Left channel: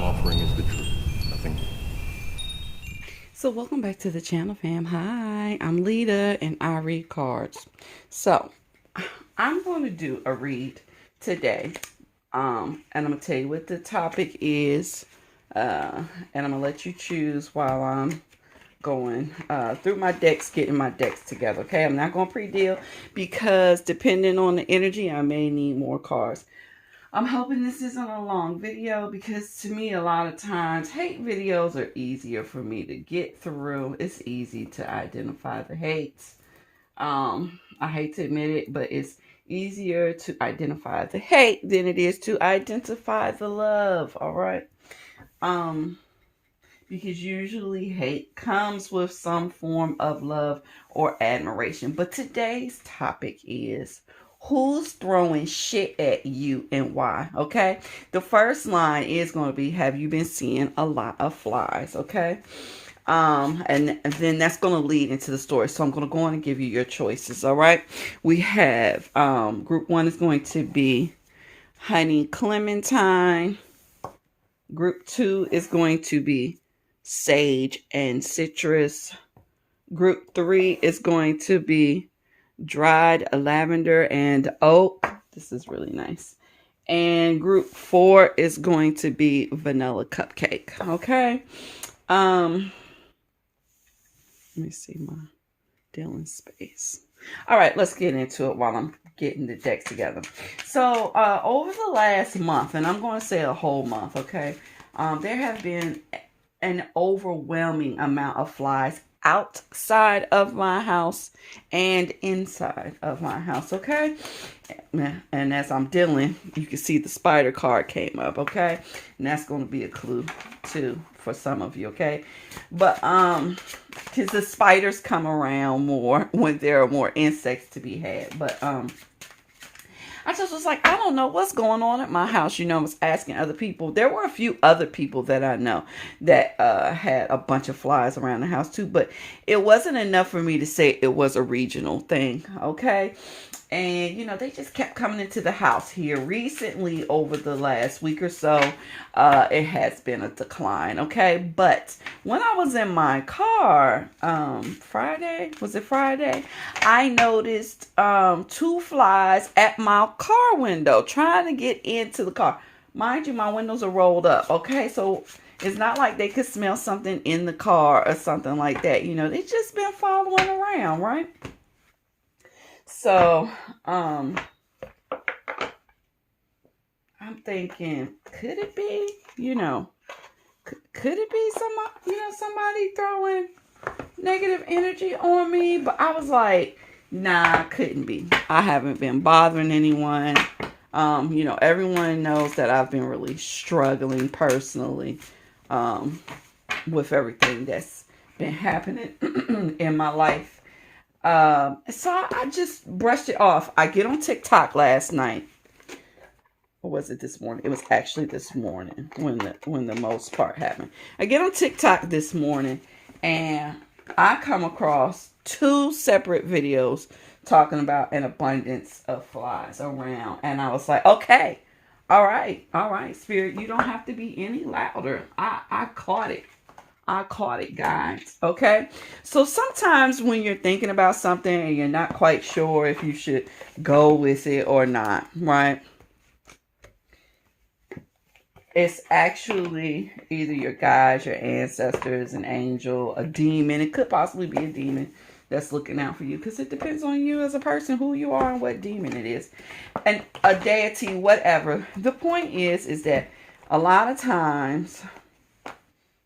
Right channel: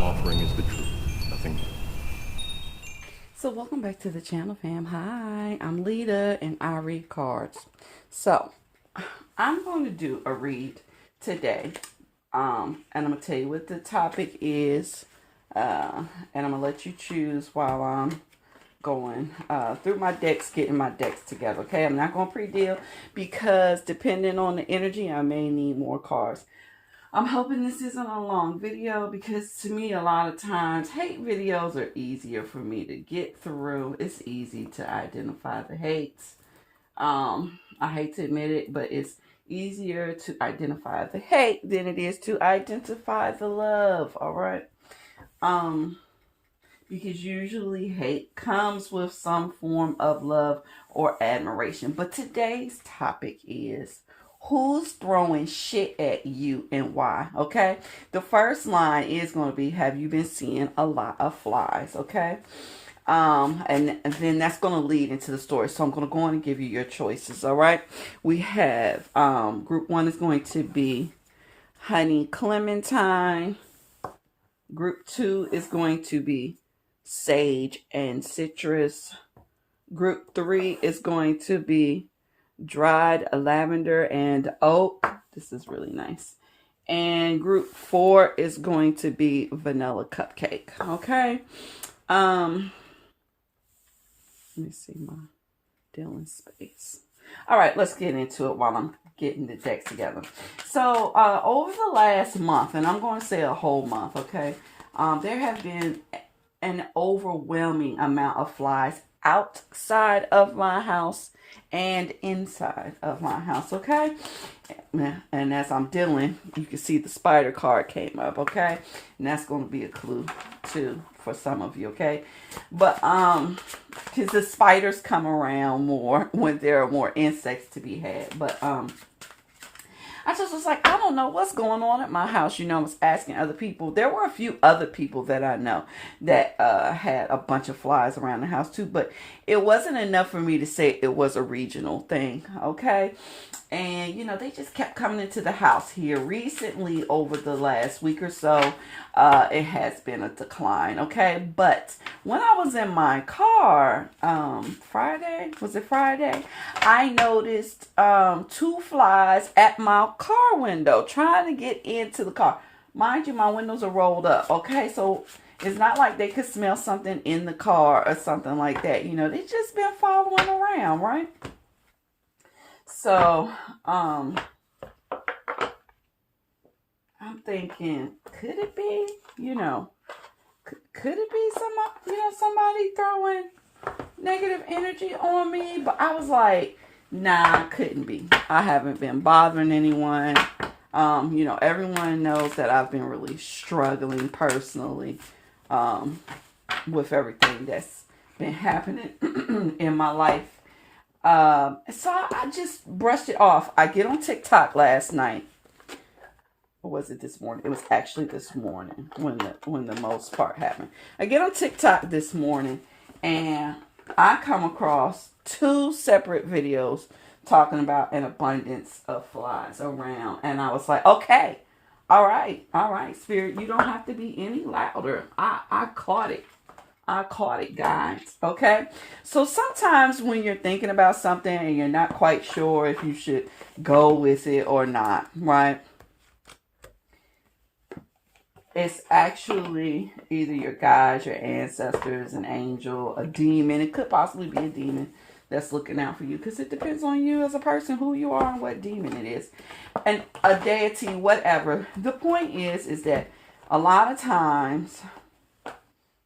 I'm offering is the truth, nothing more. So welcome back to the channel, fam. Hi, I'm Lita and I read cards. So I'm going to do a read today. And I'm going to tell you what the topic is. And I'm going to let you choose while I'm going through my decks, getting my decks together. Okay, I'm not going to pre-deal because depending on the energy, I may need more cards. I'm hoping this isn't a long video because to me, a lot of times, hate videos are easier for me to get through. It's easy to identify the hates. I hate to admit it, but it's easier to identify the hate than it is to identify the love. All right. Because usually hate comes with some form of love or admiration. But today's topic is who's throwing shit at you and why. Okay, the first line is going to be, have you been seeing a lot of flies? Okay, and then that's going to lead into the story, so I'm going to go on and give you your choices. All right, we have group 1 is going to be honey clementine. Group 2 is going to be sage and citrus. Group 3 is going to be dried lavender and oak. This is really nice. And group 4 is going to be vanilla cupcake. Okay. Let me see my dealing space. All right, let's get into it while I'm getting the decks together. So over the last month, and I'm going to say a whole month, okay, there have been an overwhelming amount of flies outside of my house and inside of my house. Okay, and as I'm dealing, you can see the spider card came up. Okay, and that's going to be a clue too for some of you. Okay, but because the spiders come around more when there are more insects to be had. But I just was like, I don't know what's going on at my house. You know, I was asking other people. There were a few other people that I know that had a bunch of flies around the house too. But it wasn't enough for me to say it was a regional thing. Okay. And, you know, they just kept coming into the house here recently over the last week or so. It has been a decline. Okay. But when I was in my car, Friday, was it Friday? I noticed 2 flies at my car window trying to get into the car. Mind you, my windows are rolled up. Okay. So it's not like they could smell something in the car or something like that. You know, they just been following around, right? So, I'm thinking, could it be, you know, could it be somebody throwing negative energy on me? But I was like, nah, couldn't be. I haven't been bothering anyone. You know, everyone knows that I've been really struggling personally, with everything that's been happening in my life. So I just brushed it off. I get on TikTok last night. Or was it this morning? It was actually this morning when the most part happened. I get on TikTok this morning and I come across 2 separate videos talking about an abundance of flies around. And I was like, okay, all right, Spirit, you don't have to be any louder. I caught it. I caught it, guys. Okay. So sometimes when you're thinking about something and you're not quite sure if you should go with it or not, right? It's actually either your guides, your ancestors, an angel, a demon. It could possibly be a demon that's looking out for you because it depends on you as a person, who you are and what demon it is. And a deity, whatever. The point is that a lot of times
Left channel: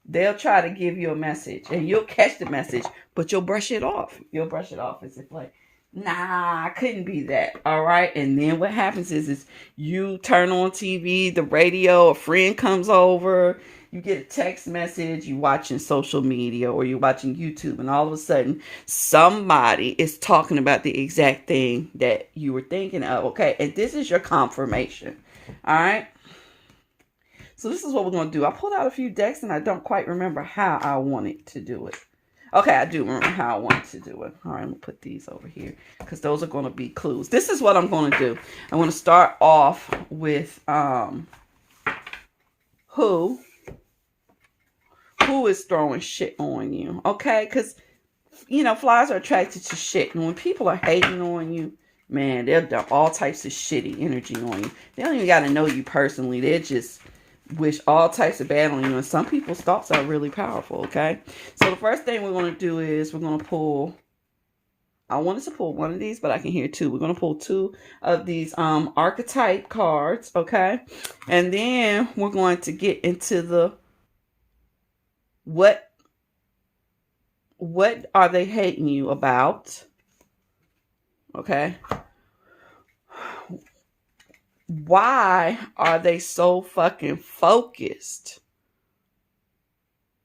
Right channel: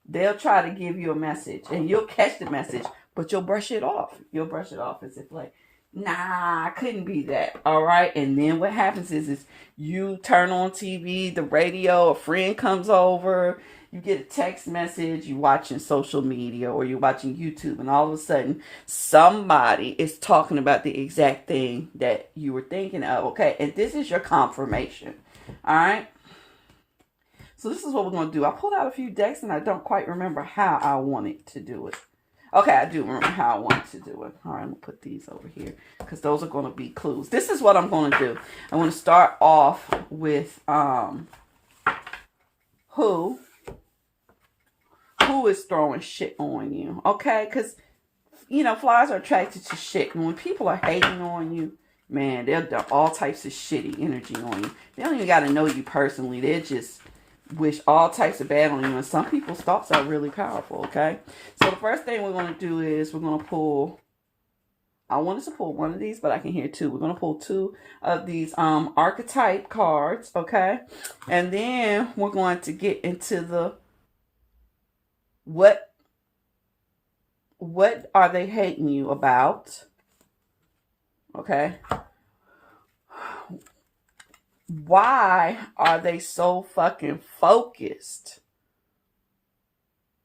they'll try to give you a message and you'll catch the message, but you'll brush it off. You'll brush it off as if like, nah, I couldn't be that. All right. And then what happens is you turn on TV, the radio, a friend comes over, you get a text message, you watching social media or you're watching YouTube, and all of a sudden somebody is talking about the exact thing that you were thinking of. Okay. And this is your confirmation. All right. So this is what we're going to do. I pulled out a few decks and I don't quite remember how I wanted to do it. Okay, I do remember how I wanted to do it. All right, I'm going to put these over here because those are going to be clues. This is what I'm going to do. I'm going to start off with who who is throwing shit on you, okay? Because, you know, flies are attracted to shit. And when people are hating on you, man, they'll do all types of shitty energy on you. They don't even got to know you personally. They just wish all types of bad on you. And some people's thoughts are really powerful, okay? So the first thing we're going to do is we're going to pull... I wanted to pull one of these, but I can hear two. We're going to pull two of these archetype cards, okay? And then we're going to get into the what are they hating you about? Okay. Why are they so fucking focused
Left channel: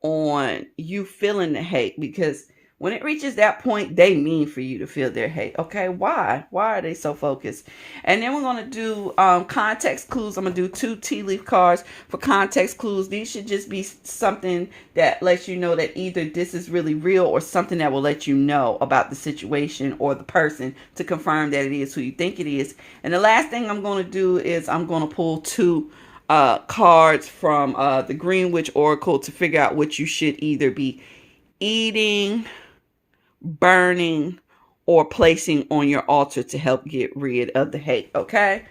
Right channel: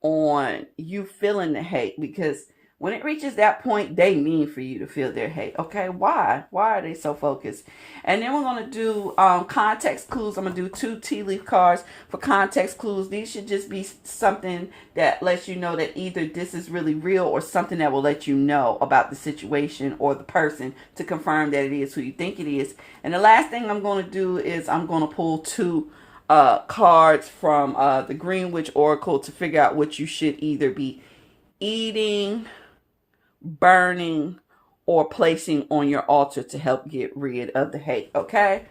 on you feeling the hate? Because when it reaches that point, they mean for you to feel their hate. Okay, why? Why are they so focused? And then we're going to do context clues. I'm going to do 2 tea leaf cards for context clues. These should just be something that lets you know that either this is really real or something that will let you know about the situation or the person to confirm that it is who you think it is. And the last thing I'm going to do is I'm going to pull 2 cards from the Greenwich Oracle to figure out what you should either be eating, burning, or placing on your altar to help get rid of the hate. Okay,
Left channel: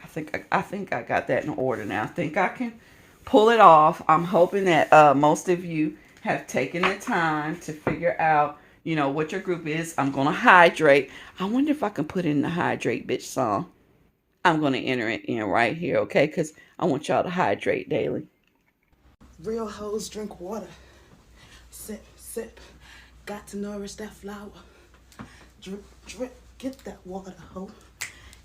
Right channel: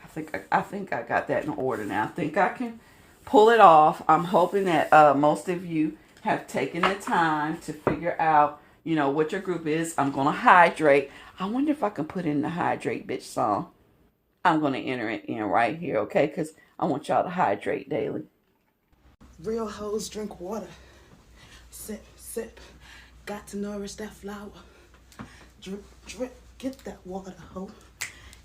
I think I got that in order now. I think I can pull it off. I'm hoping that most of you have taken the time to figure out, you know, what your group is. I'm gonna hydrate. I wonder if I can put in the hydrate bitch song. I'm gonna enter it in right here, okay? Because I want y'all to hydrate daily. Real hoes drink water. Sip, sip. Got to nourish that flower. Drip, drip. Get that water, ho.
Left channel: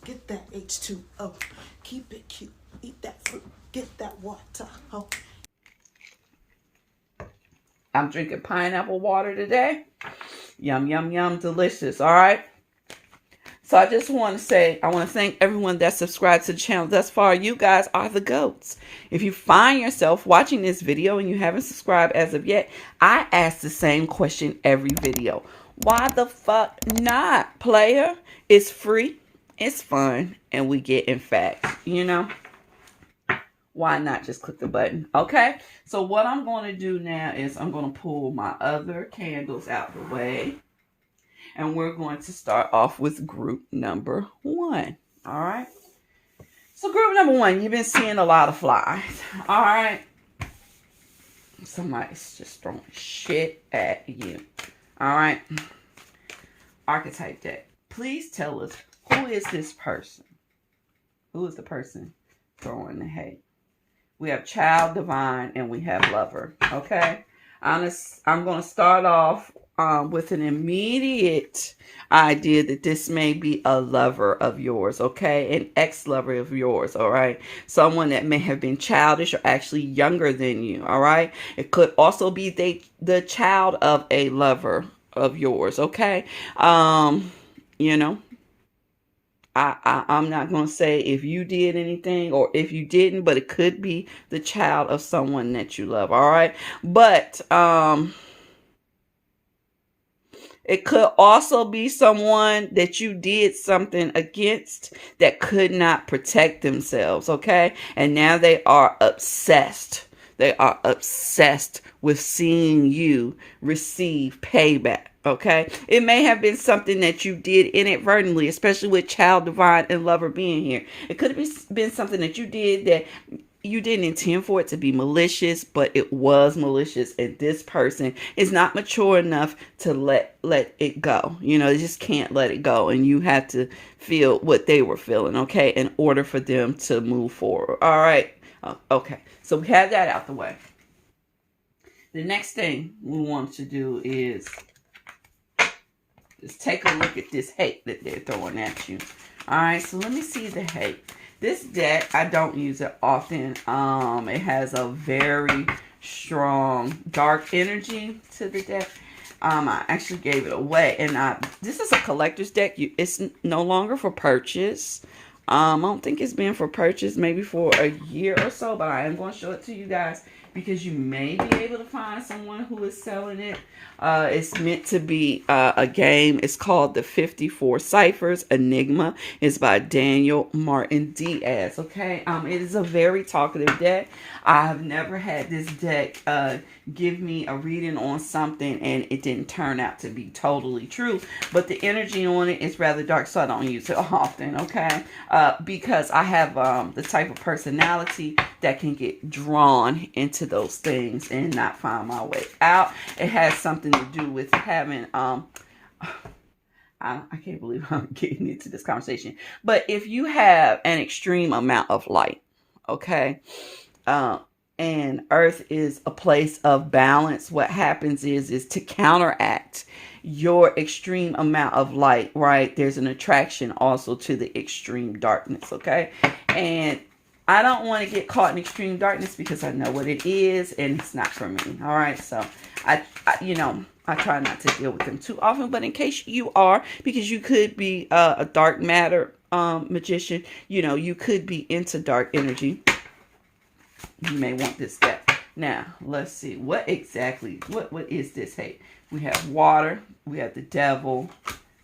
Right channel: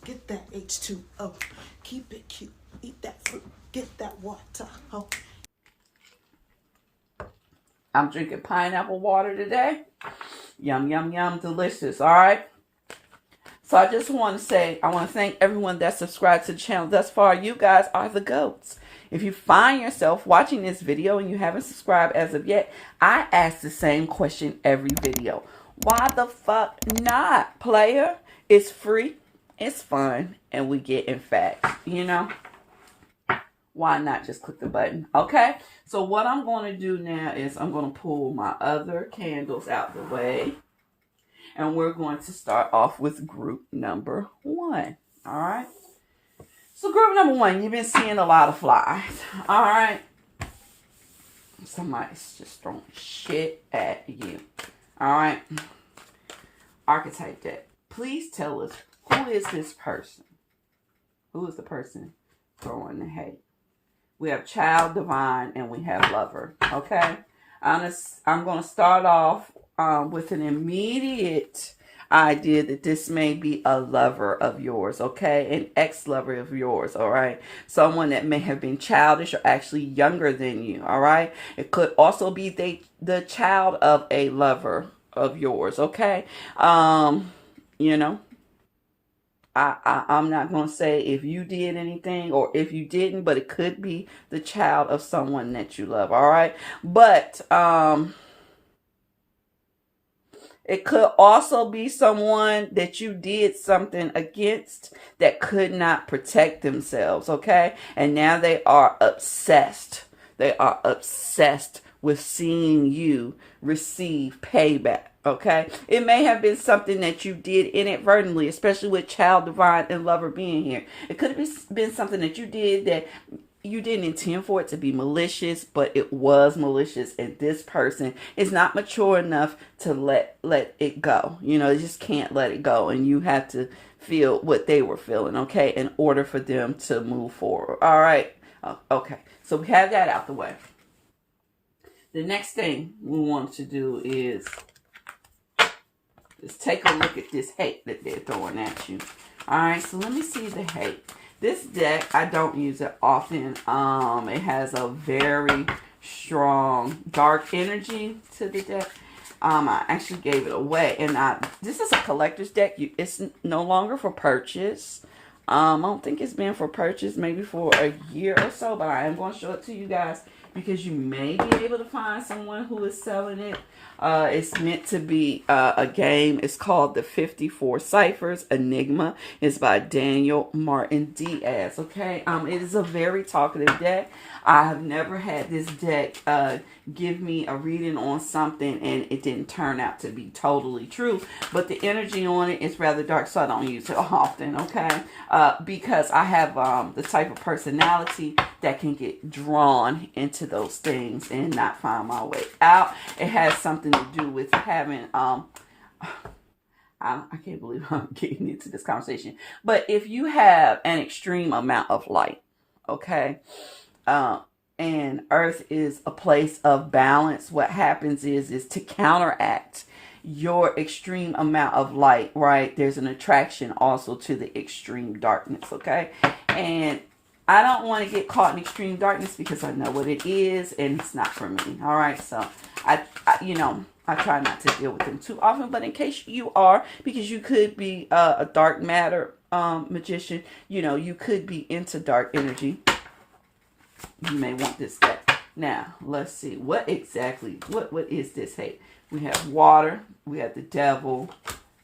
Get that H2O. Keep it cute. Eat that fruit. Get that water, ho. I'm drinking pineapple water today. Yum, yum, yum. Delicious. All right. So I just want to say, I want to thank everyone that subscribed to the channel thus far. You guys are the GOATs. If you find yourself watching this video and you haven't subscribed as of yet, I ask the same question every video. Why the fuck not, player? It's free, it's fun, and we get in facts, you know? Why not just click the button? Okay, so what I'm going to do now is I'm going to pull my other candles out the way. And we're going to start off with group number 1. All right. So group number 1, you've been seeing a lot of flies. All right. Somebody's just throwing shit at you. All right. Archetype deck. Please tell us, who is this person? Who is the person throwing the hate? We have child, divine, and we have lover. Okay. I'm going to start off with an immediate idea that this may be a lover of yours, okay? An ex-lover of yours, all right? Someone that may have been childish or actually younger than you, all right? It could also be the child of a lover of yours, okay? You know, I'm not going to say if you did anything or if you didn't, but it could be the child of someone that you love, all right? But, it could also be someone that you did something against that could not protect themselves, okay? And now they are obsessed. They are obsessed with seeing you receive payback, okay? It may have been something that you did inadvertently, especially with child, divine, and lover being here. It could have been something that you did that you didn't intend for it to be malicious, but it was malicious, and this person is not mature enough to let it go. You know, they just can't let it go, and you have to feel what they were feeling, okay, in order for them to move forward. All right. Okay. So we have that out the way. The next thing we want to do is just take a look at this hate that they're throwing at you. All right. So let me see the hate. This deck, I don't use it often. It has a very strong dark energy to the deck. I actually gave it away, and this is a collector's deck. It's no longer for purchase. I don't think it's been for purchase maybe for a year or so, but I am going to show it to you guys because you may be able to find someone who is selling it. It's meant to be a game. It's called the 54 Ciphers. Enigma is by Daniel Martin Diaz. Okay, it is a very talkative deck. I have never had this deck give me a reading on something and it didn't turn out to be totally true. But the energy on it is rather dark, so I don't use it often, okay? Because I have the type of personality that can get drawn into those things and not find my way out. It has something to do with having I can't believe I'm getting into this conversation. But if you have an extreme amount of light, okay, and Earth is a place of balance, what happens is to counteract your extreme amount of light, right? There's an attraction also to the extreme darkness, okay? And I don't want to get caught in extreme darkness because I know what it is and it's not for me, all right? So I try not to deal with them too often, but in case you are, because you could be a dark matter magician, you could be into dark energy. You may want this deck. Now, let's see. What is this? Hey, we have water, we have the devil,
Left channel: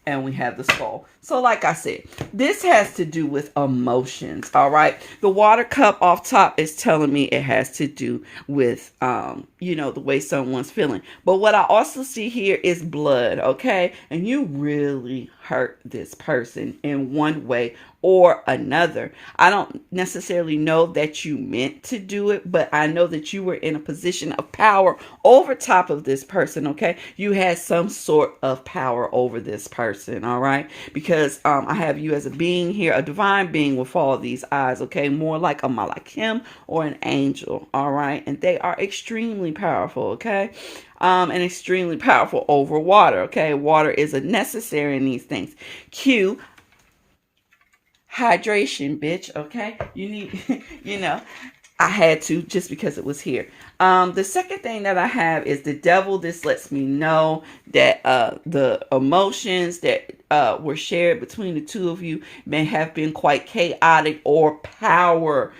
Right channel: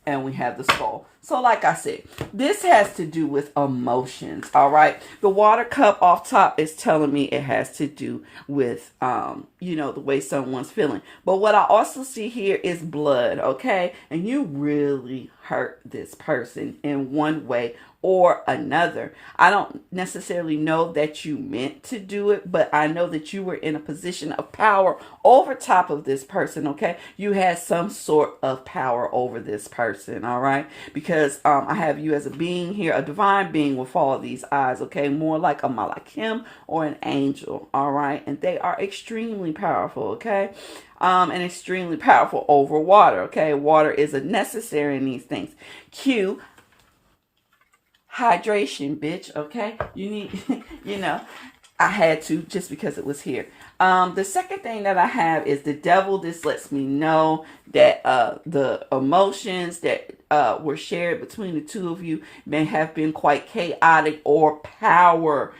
and we have the skull. So like I said, this has to do with emotions, all right? The water cup off top is telling me it has to do with, the way someone's feeling. But what I also see here is blood, okay? And you really hurt this person in one way or another. I don't necessarily know that you meant to do it, but I know that you were in a position of power over top of this person, okay? You had some sort of power over this person, all right? Because I have you as a being here, a divine being with all these eyes, okay? More like a malachim or an angel, all right? And they are extremely powerful, okay? And extremely powerful over water, okay? Water is a necessary in these things. Q, hydration, bitch, okay? You need, I had to just because it was here. The second thing that I have is the devil. This lets me know that the emotions that were shared between the two of you may have been quite chaotic or power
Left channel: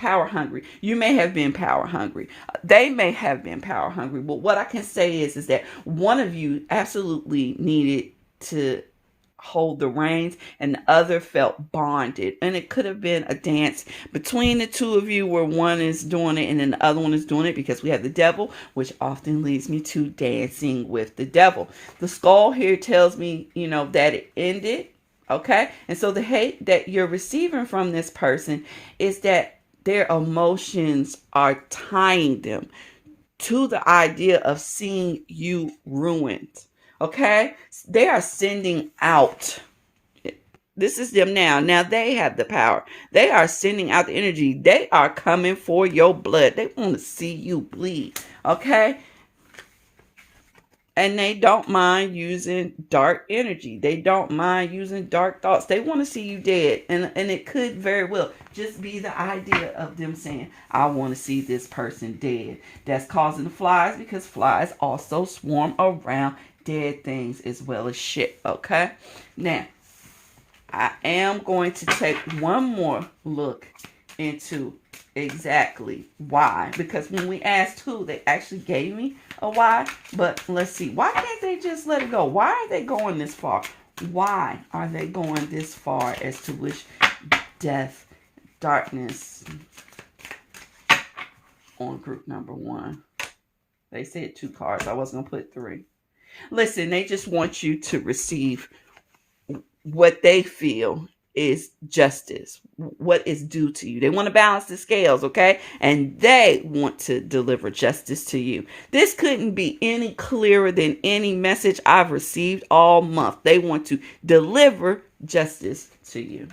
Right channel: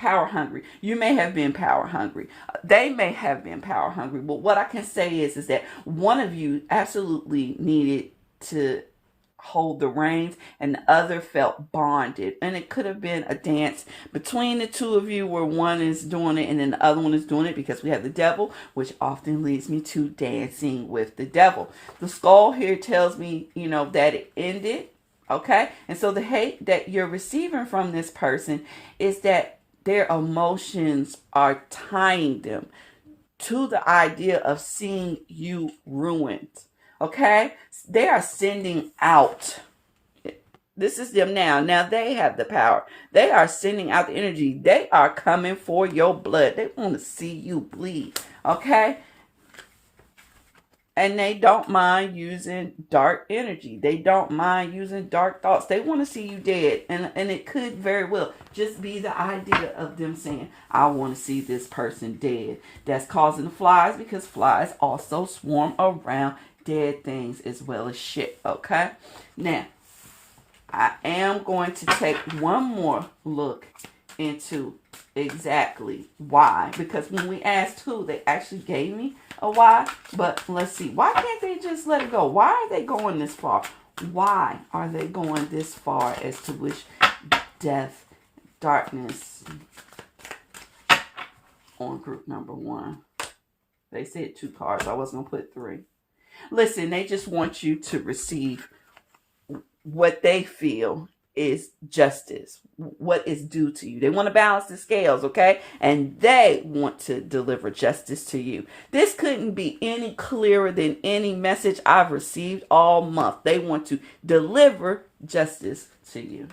hungry. You may have been power hungry. They may have been power hungry. But what I can say is that one of you absolutely needed to hold the reins and the other felt bonded, and it could have been a dance between the two of you where one is doing it and then the other one is doing it, because we have the devil, which often leads me to dancing with the devil. The skull here tells me that it ended, okay? And so the hate that you're receiving from this person is that their emotions are tying them to the idea of seeing you ruined. Okay, they are sending out. This is them now. Now they have the power. They are sending out the energy. They are coming for your blood. They want to see you bleed. Okay. And they don't mind using dark energy. They don't mind using dark thoughts. They want to see you dead. And it could very well just be the idea of them saying, I want to see this person dead. That's causing the flies, because flies also swarm around dead things as well as shit, okay? Now, I am going to take one more look into exactly why, because when we asked who, they actually gave me a why, but let's see. Why can't they just let it go? Why are they going this far? Why are they going this far as to wish death, darkness on group number 1? They said 2 cards. I was going to put 3. Listen, they just want you to receive what they feel is justice, what is due to you. They want to balance the scales, okay? And they want to deliver justice to you. This couldn't be any clearer than any message I've received all month. They want to deliver justice to you.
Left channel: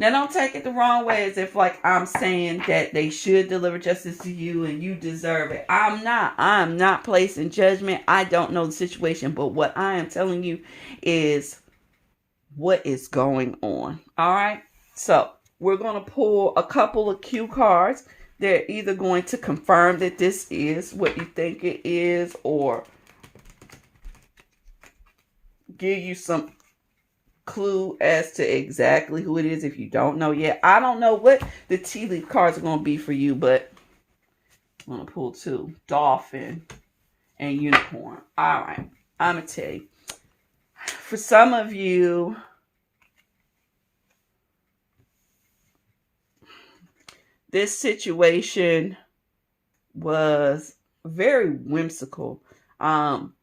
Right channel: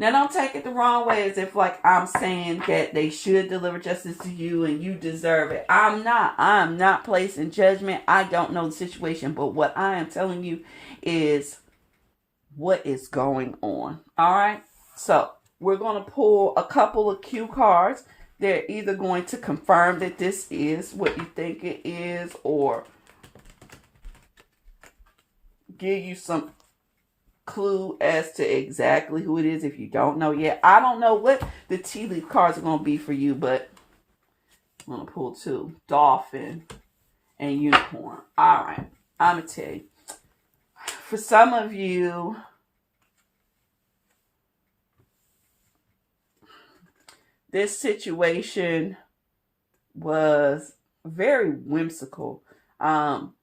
Now, don't take it the wrong way as if like I'm saying that they should deliver justice to you and you deserve it. I'm not placing judgment. I don't know the situation, but what I am telling you is what is going on. All right. So we're going to pull a couple of cue cards. They're either going to confirm that this is what you think it is, or give you some clue as to exactly who it is if you don't know yet. I don't know what the tea leaf cards are going to be for you, but I'm going to pull 2. Dolphin and unicorn. All right. I'm going to tell you. For some of you, this situation was very whimsical.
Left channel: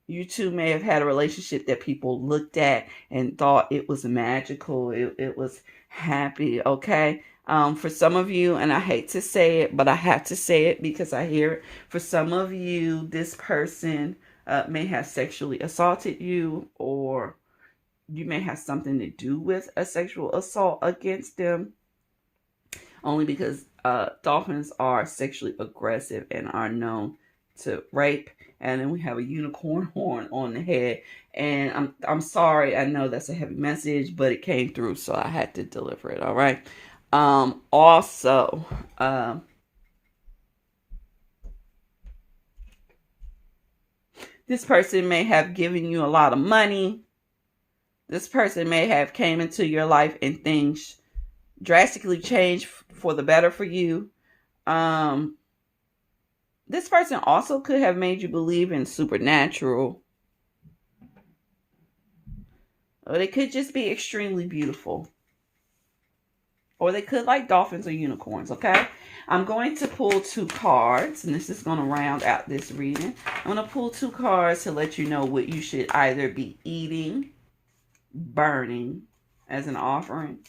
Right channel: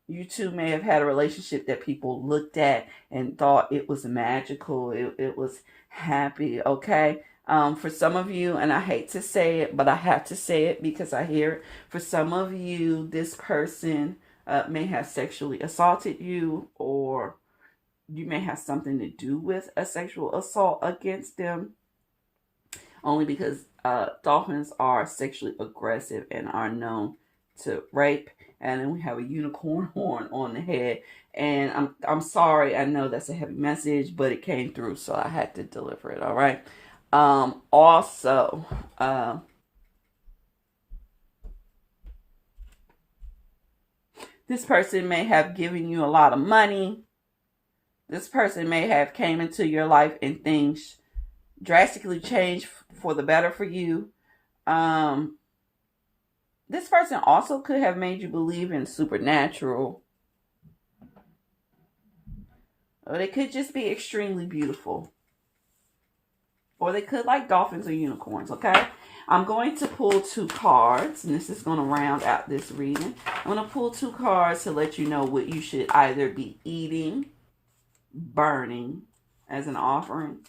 You two may have had a relationship that people looked at and thought it was magical. It was happy. Okay. For some of you, and I hate to say it, but I have to say it because I hear it. For some of you, this person may have sexually assaulted you, or you may have something to do with a sexual assault against them. Only because dolphins are sexually aggressive and are known to rape. And then we have a unicorn horn on the head. And I'm sorry, I know that's a heavy message, but it came through, so I had to deliver it. All right. Also, this person may have given you a lot of money. This person may have came into your life and things drastically changed for the better for you. This person also could have made you believe in supernatural. Or they could just be extremely beautiful. Or they could like dolphins or unicorns, okay? I'm going to pull 2 cards, and this is going to round out this reading. I'm going to pull 2 cards to let you know what you should either be eating, burning as an offering,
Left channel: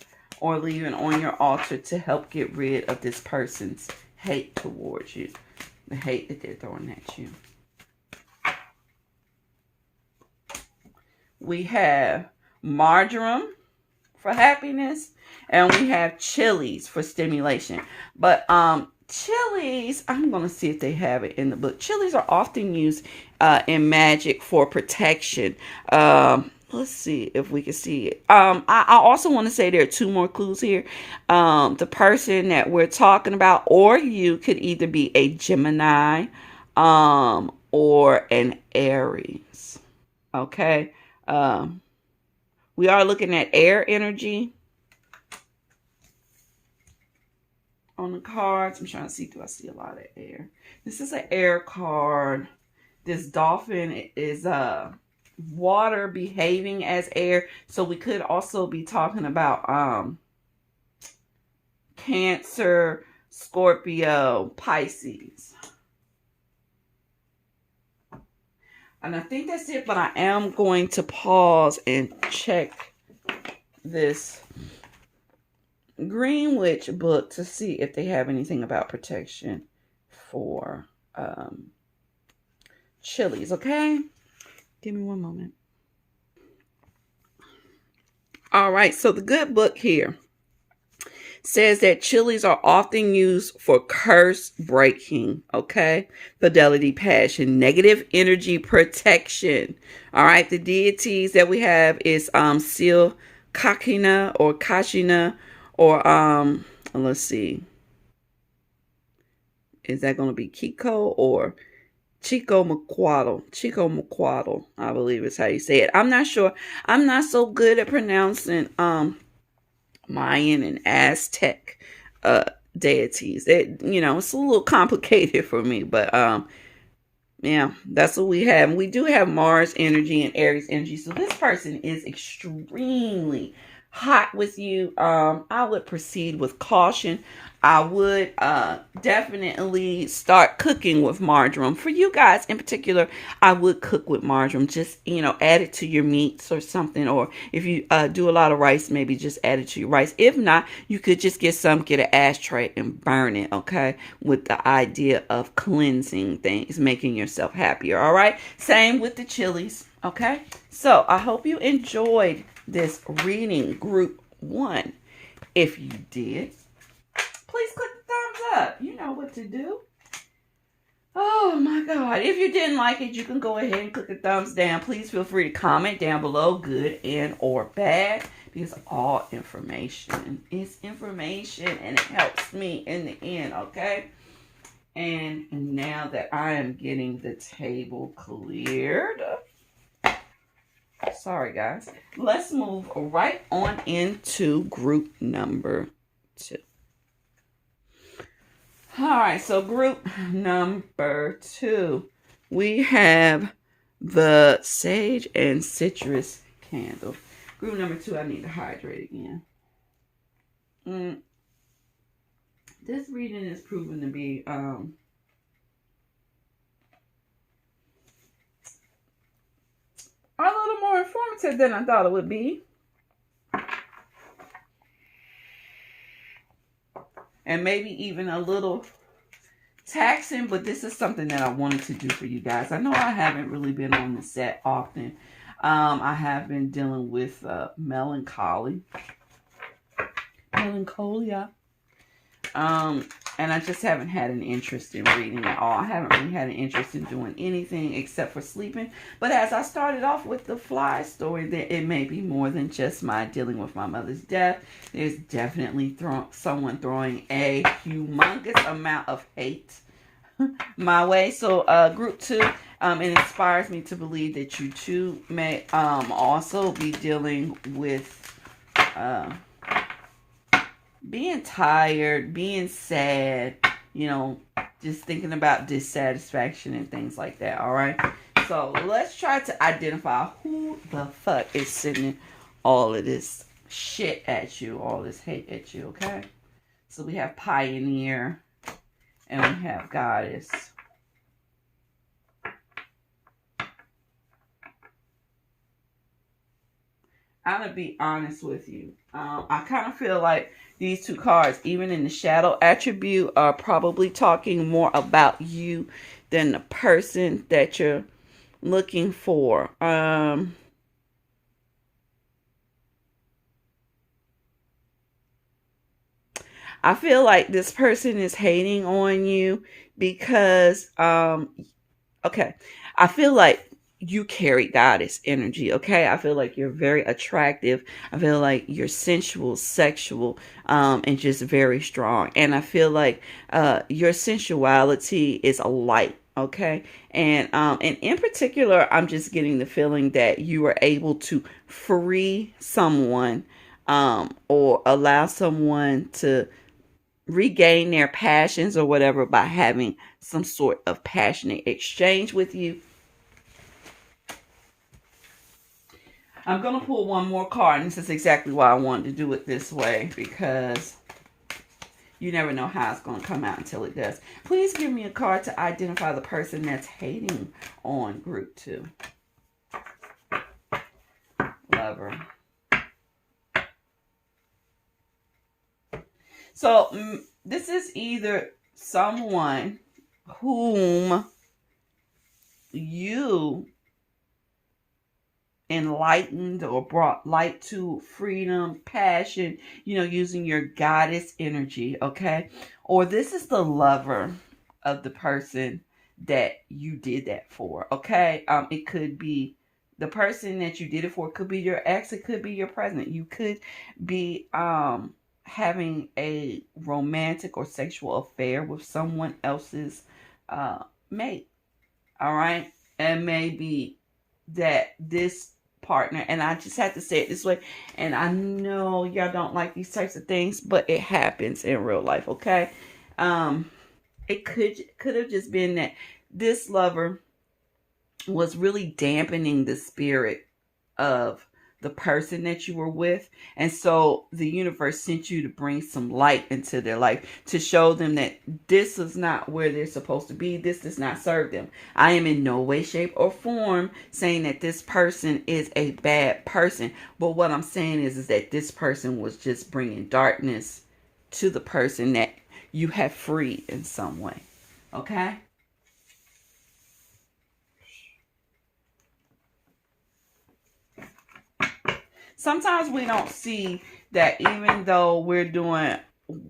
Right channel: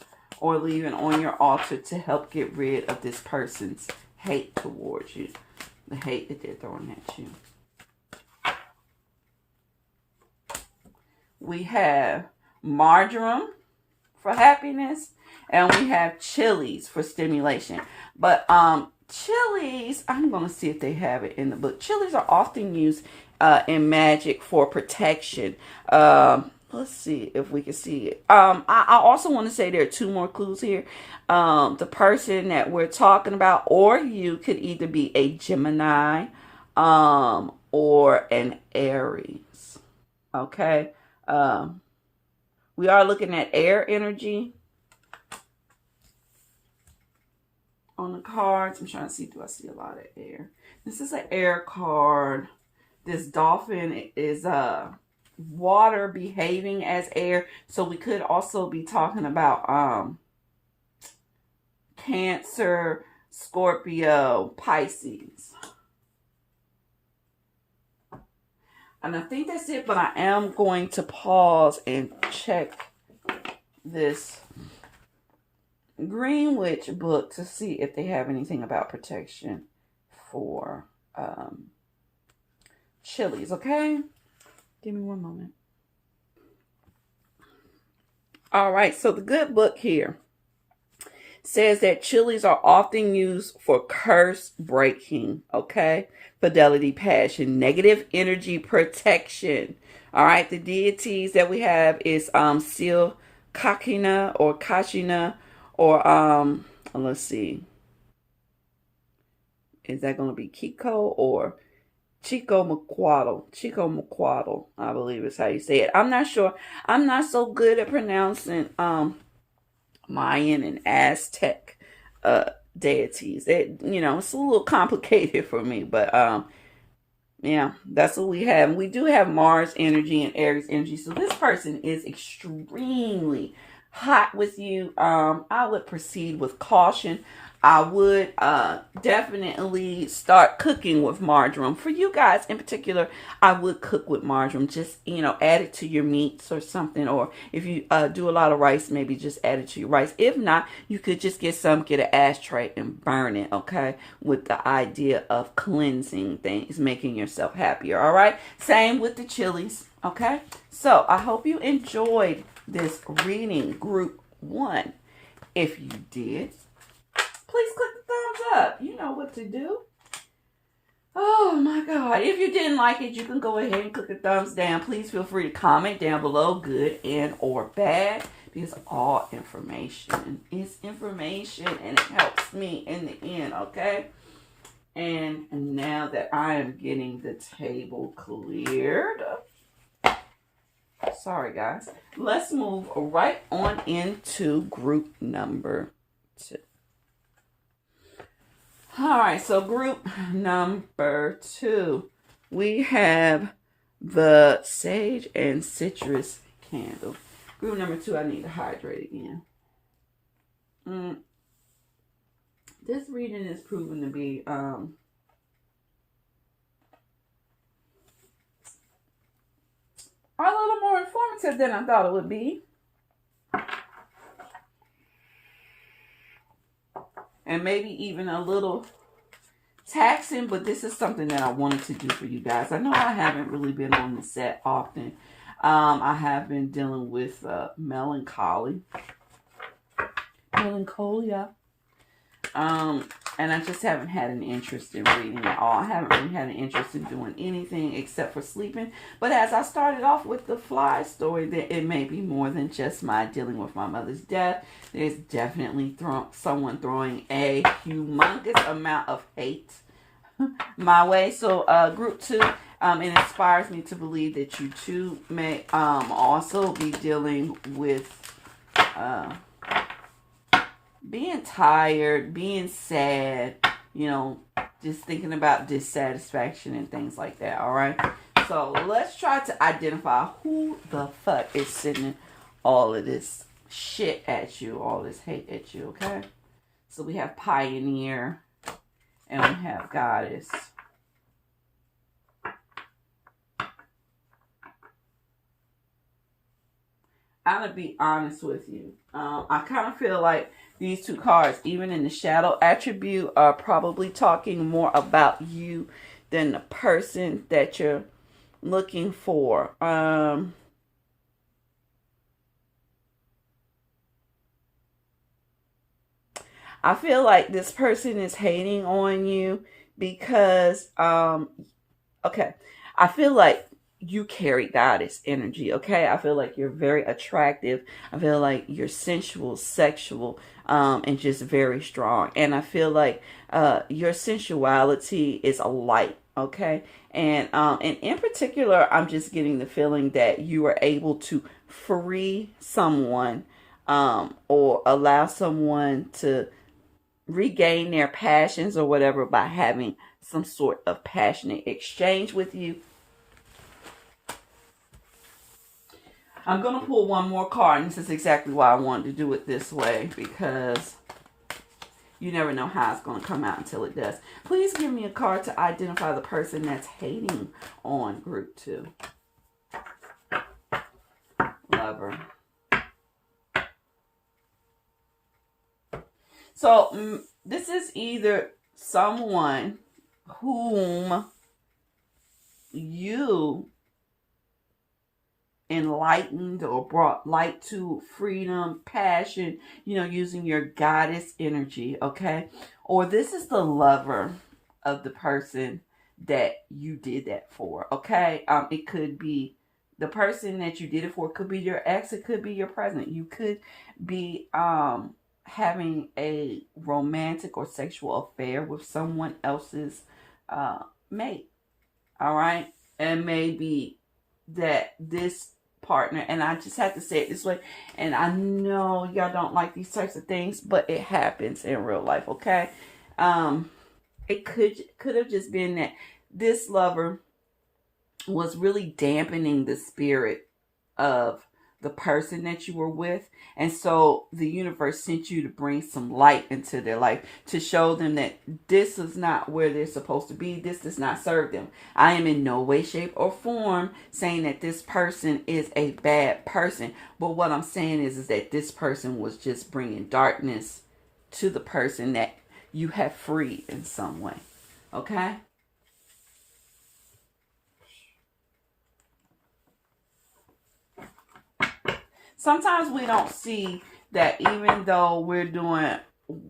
or leaving on your altar to help get rid of this person's hate towards you. The hate that they're throwing at you. We have marjoram for happiness, and we have chilies for stimulation. But chilies, I'm going to see if they have it in the book. Chilies are often used in magic for protection. Let's see if we can see it. I also want to say there are 2 more clues here. The person that we're talking about, or you, could either be a Gemini or an Aries. Okay. We are looking at air energy on the cards. I'm trying to see, do I see a lot of air? This is an air card. This dolphin is water behaving as air. So we could also be talking about Cancer, Scorpio, Pisces. And I think that's it, but I am going to pause and check this Greenwich book to see if they have anything about protection for chilies, okay? Give me one moment. All right, so the good book here says that chilies are often used for curse breaking, okay? Fidelity, passion, negative energy protection. All right, the deities that we have is Seal Kakina or Kashina, or let's see. Is that going to be Kiko or Chico Macuatl, I believe is how you say it. I'm not sure. I'm not so good at pronouncing Mayan and Aztec deities. That, you know, it's a little complicated for me, but yeah, that's what we have. And we do have Mars energy and Aries energy. So this person is extremely hot with you. I would proceed with caution. I would definitely start cooking with marjoram. For you guys in particular, I would cook with marjoram. Just, you know, add it to your meats or something. Or if you do a lot of rice, maybe just add it to your rice. If not, you could just get an ashtray and burn it, okay? With the idea of cleansing things, making yourself happier, all right? Same with the chilies, okay? So I hope you enjoyed this reading, group 1. If you did, please click the thumbs up. You know what to do. Oh my God. If you didn't like it, you can go ahead and click the thumbs down. Please feel free to comment down below, good and or bad, because all information is information and it helps me in the end, okay? And now that I am getting the table cleared, sorry guys, let's move right on into group number 2. All right, so group number 2, we have the Sage and Citrus candle. Group number 2, I need to hydrate again. This reading is proven to be a little more informative than I thought it would be. And maybe even a little taxing, but this is something that I wanted to do for you guys. I know I haven't really been on the set often. I have been dealing with melancholia. And I just haven't had an interest in reading at all. I haven't really had an interest in doing anything except for sleeping. But as I started off with the fly story, that it may be more than just my dealing with my mother's death. There's definitely someone throwing a humongous amount of hate my way. So group 2, it inspires me to believe that you too may also be dealing with being tired, being sad, you know, just thinking about dissatisfaction and things like that, all right? So let's try to identify who the fuck is sending all of this shit at you, all this hate at you, okay? So we have Pioneer and we have Goddess. I'm going to be honest with you. I kind of feel like these 2 cards, even in the shadow attribute, are probably talking more about you than the person that you're looking for. I feel like this person is hating on you because, okay, I feel like you carry Goddess energy, okay? I feel like you're very attractive. I feel like you're sensual, sexual, and just very strong. And I feel like your sensuality is a light, okay? And in particular, I'm just getting the feeling that you are able to free someone or allow someone to regain their passions or whatever by having some sort of passionate exchange with you. I'm going to pull one more card, and this is exactly why I wanted to do it this way, because you never know how it's going to come out until it does. Please give me a card to identify the person that's hating on group 2. Lover. So this is either someone whom you enlightened or brought light to, freedom, passion, you know, using your Goddess energy, okay? Or this is the lover of the person that you did that for, okay? It could be the person that you did it for. It could be your ex. It could be your present. You could be having a romantic or sexual affair with someone else's mate, all right? And maybe that this partner, and I just have to say it this way, and I know y'all don't like these types of things, but it happens in real life, okay? It could have just been that this lover was really dampening the spirit of the person that you were with, and so the universe sent you to bring some light into their life, to show them that this is not where they're supposed to be. This does not serve them. I am in no way, shape, or form saying that this person is a bad person, but what I'm saying is that this person was just bringing darkness to the person that you have freed in some way, okay? Sometimes we don't see that even though we're doing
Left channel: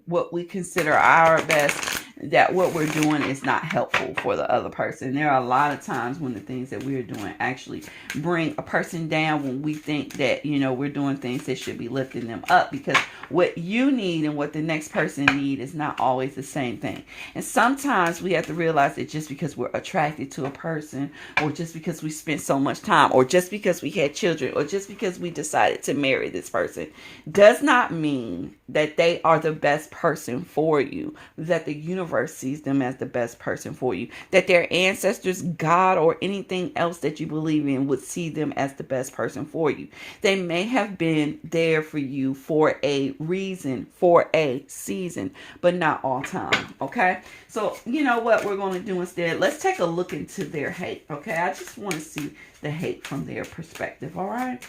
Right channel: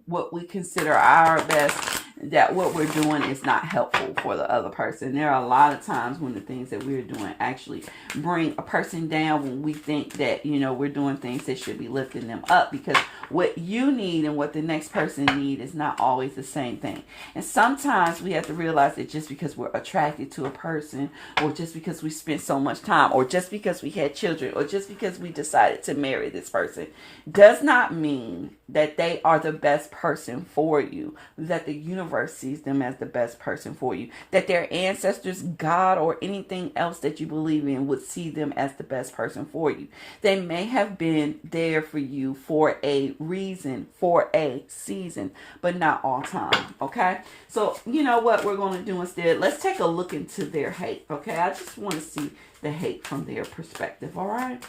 what we consider our best, that what we're doing is not helpful for the other person. There are a lot of times when the things that we're doing actually bring a person down, when we think that, you know, we're doing things that should be lifting them up, because what you need and what the next person need is not always the same thing. And sometimes we have to realize that just because we're attracted to a person, or just because we spent so much time, or just because we had children, or just because we decided to marry this person, does not mean that they are the best person for you, that the universe universe sees them as the best person for you. That their ancestors, God, or anything else that you believe in would see them as the best person for you. They may have been there for you for a reason, for a season, but not all time. Okay? So, you know what we're going to do instead? Let's take a look into their hate. Okay? I just want to see the hate from their perspective. All right?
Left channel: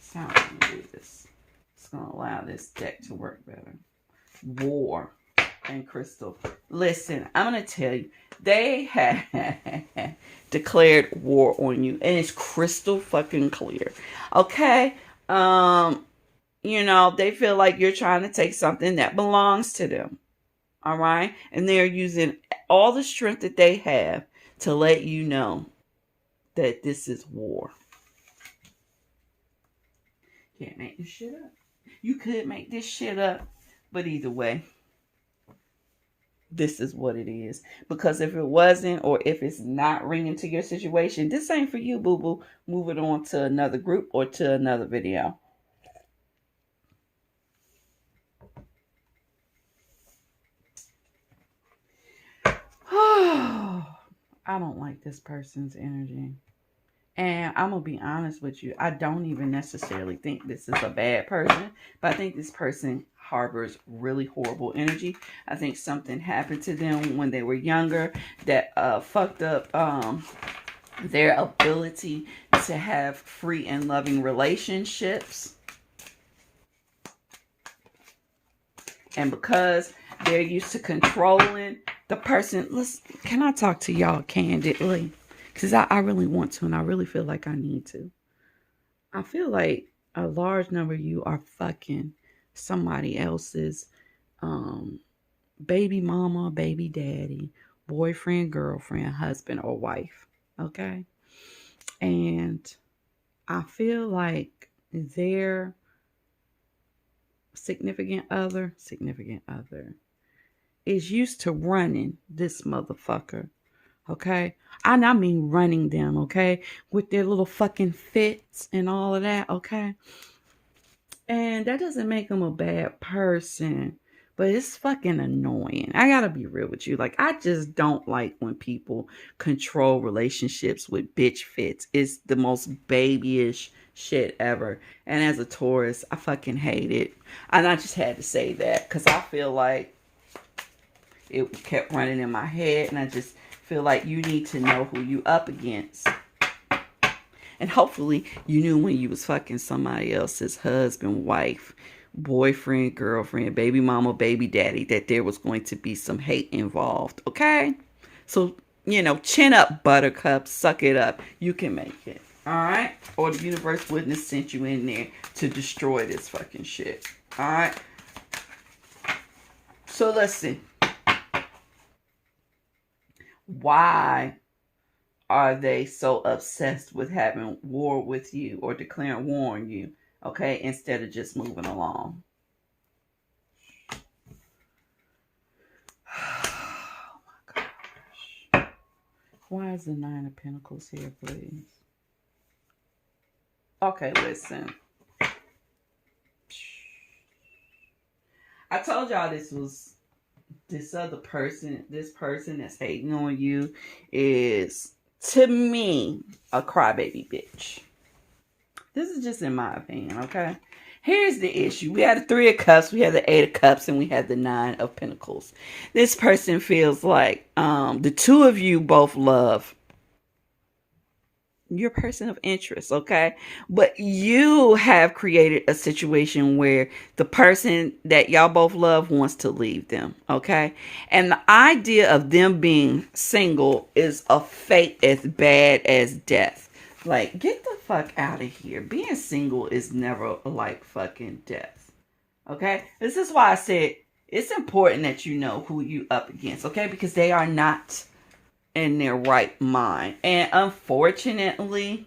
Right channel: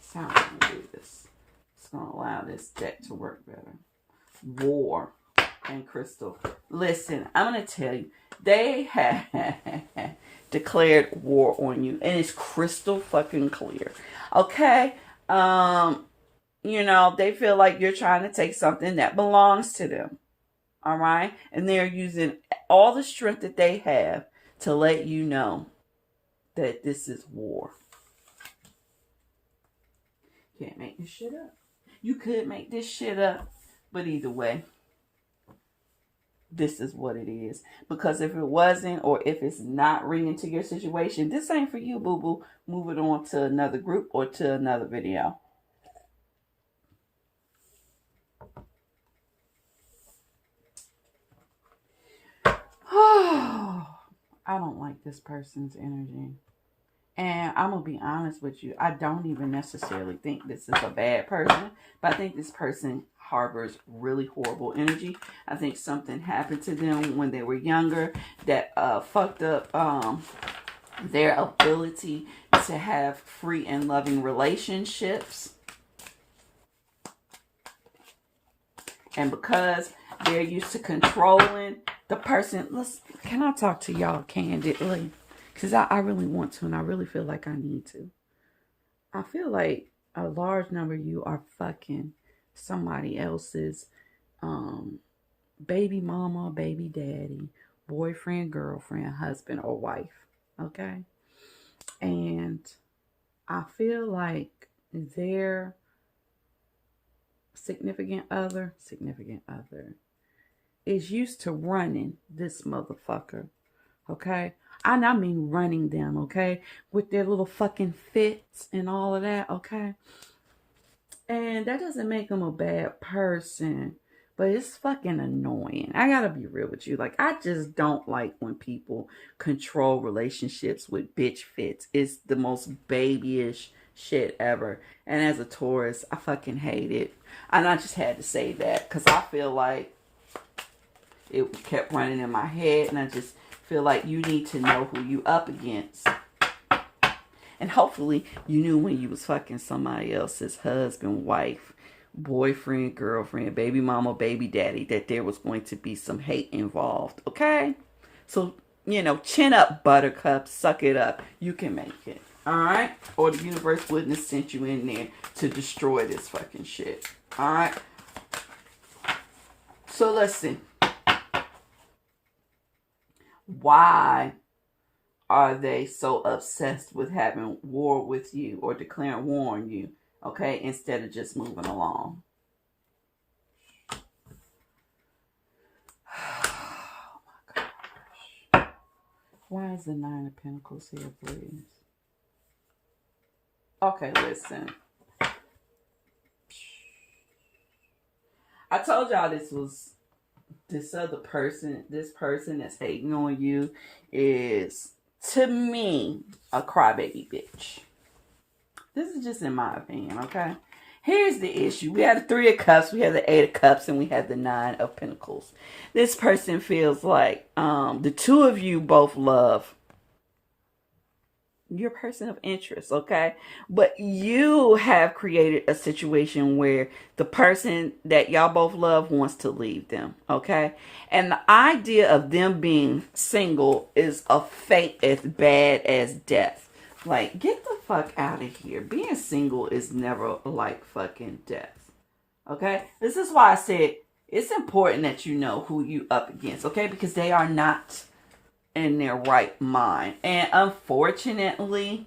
So I'm going to do this. It's going to allow this deck to work better. War and Crystal. Listen, I'm going to tell you, they have declared war on you, and it's crystal fucking clear. Okay? You know, they feel like you're trying to take something that belongs to them. All right? And they're using all the strength that they have to let you know that this is war. Can't make this shit up. You could make this shit up, but either way, this is what it is. Because if it wasn't, or if it's not ringing to your situation, this ain't for you, boo-boo. Move it on to another group or to another video. I don't like this person's energy. And I'm going to be honest with you. I don't even necessarily think this is a bad person. But I think this person harbors really horrible energy. I think something happened to them when they were younger that fucked up their ability to have free and loving relationships. And because they're used to controlling the person. Listen, can I talk to y'all candidly? Because I really want to, and I really feel like I need to. I feel like a large number of you are fucking somebody else's baby mama, baby daddy, boyfriend, girlfriend, husband, or wife. Okay? And I feel like their significant other is used to running this motherfucker. Okay? And I mean running them, okay? With their little fucking fits and all of that, okay? And that doesn't make them a bad person. But it's fucking annoying. I gotta be real with you. Like, I just don't like when people control relationships with bitch fits. It's the most babyish shit ever. And as a Taurus, I fucking hate it. And I just had to say that. Because I feel like it kept running in my head. And I just feel like you need to know who you up against. And hopefully you knew when you was fucking somebody else's husband, wife, boyfriend, girlfriend, baby mama, baby daddy, that there was going to be some hate involved. Okay? So, you know, chin up, buttercup, suck it up. You can make it. Alright? Or the universe wouldn't have sent you in there to destroy this fucking shit. Alright? So listen. Why are they so obsessed with having war with you or declaring war on you? Okay, instead of just moving along. Oh my gosh. Why is the Nine of Pentacles here, please? Okay, listen. I told y'all this other person, this person that's hating on you is, to me, a crybaby bitch. This is just in my opinion, okay? Here's the issue. We had the Three of Cups, we had the Eight of Cups, and we had the Nine of Pentacles. This person feels like the two of you both love your person of interest, okay? But you have created a situation where the person that y'all both love wants to leave them, okay? And the idea of them being single is a fate as bad as death. Like, get the fuck out of here. Being single is never like fucking death. Okay? This is why I said it's important that you know who you up against. Okay? Because they are not in their right mind. And unfortunately,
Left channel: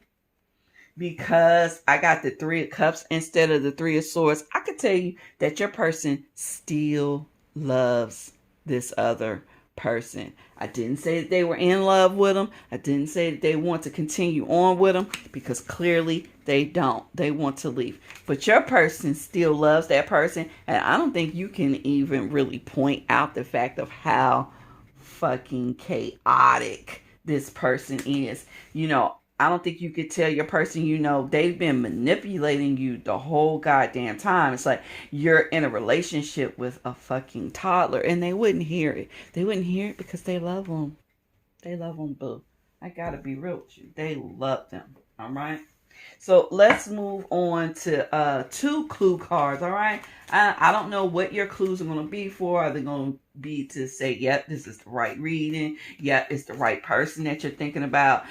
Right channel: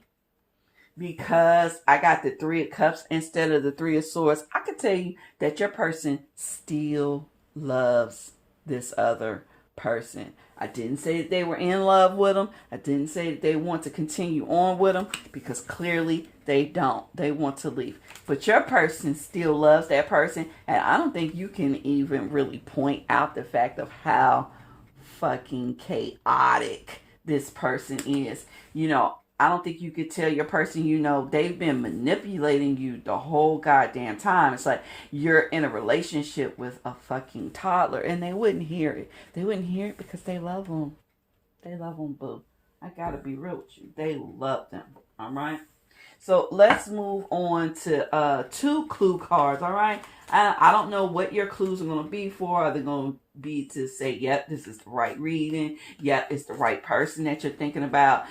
because I got the Three of Cups instead of the Three of Swords, I can tell you that your person still loves this other person. I didn't say that they were in love with them. I didn't say that they want to continue on with them, because clearly they don't. They want to leave. But your person still loves that person. And I don't think you can even really point out the fact of how fucking chaotic this person is. You know, I don't think you could tell your person, you know, they've been manipulating you the whole goddamn time. It's like you're in a relationship with a fucking toddler, and they wouldn't hear it. They wouldn't hear it because they love them. They love them, boo. I gotta be real with you. They love them. All right. So let's move on to 2 clue cards. All right. I don't know what your clues are going to be for. Are they going to be to say, yep, this is the right reading? Yep, it's the right person that you're thinking about.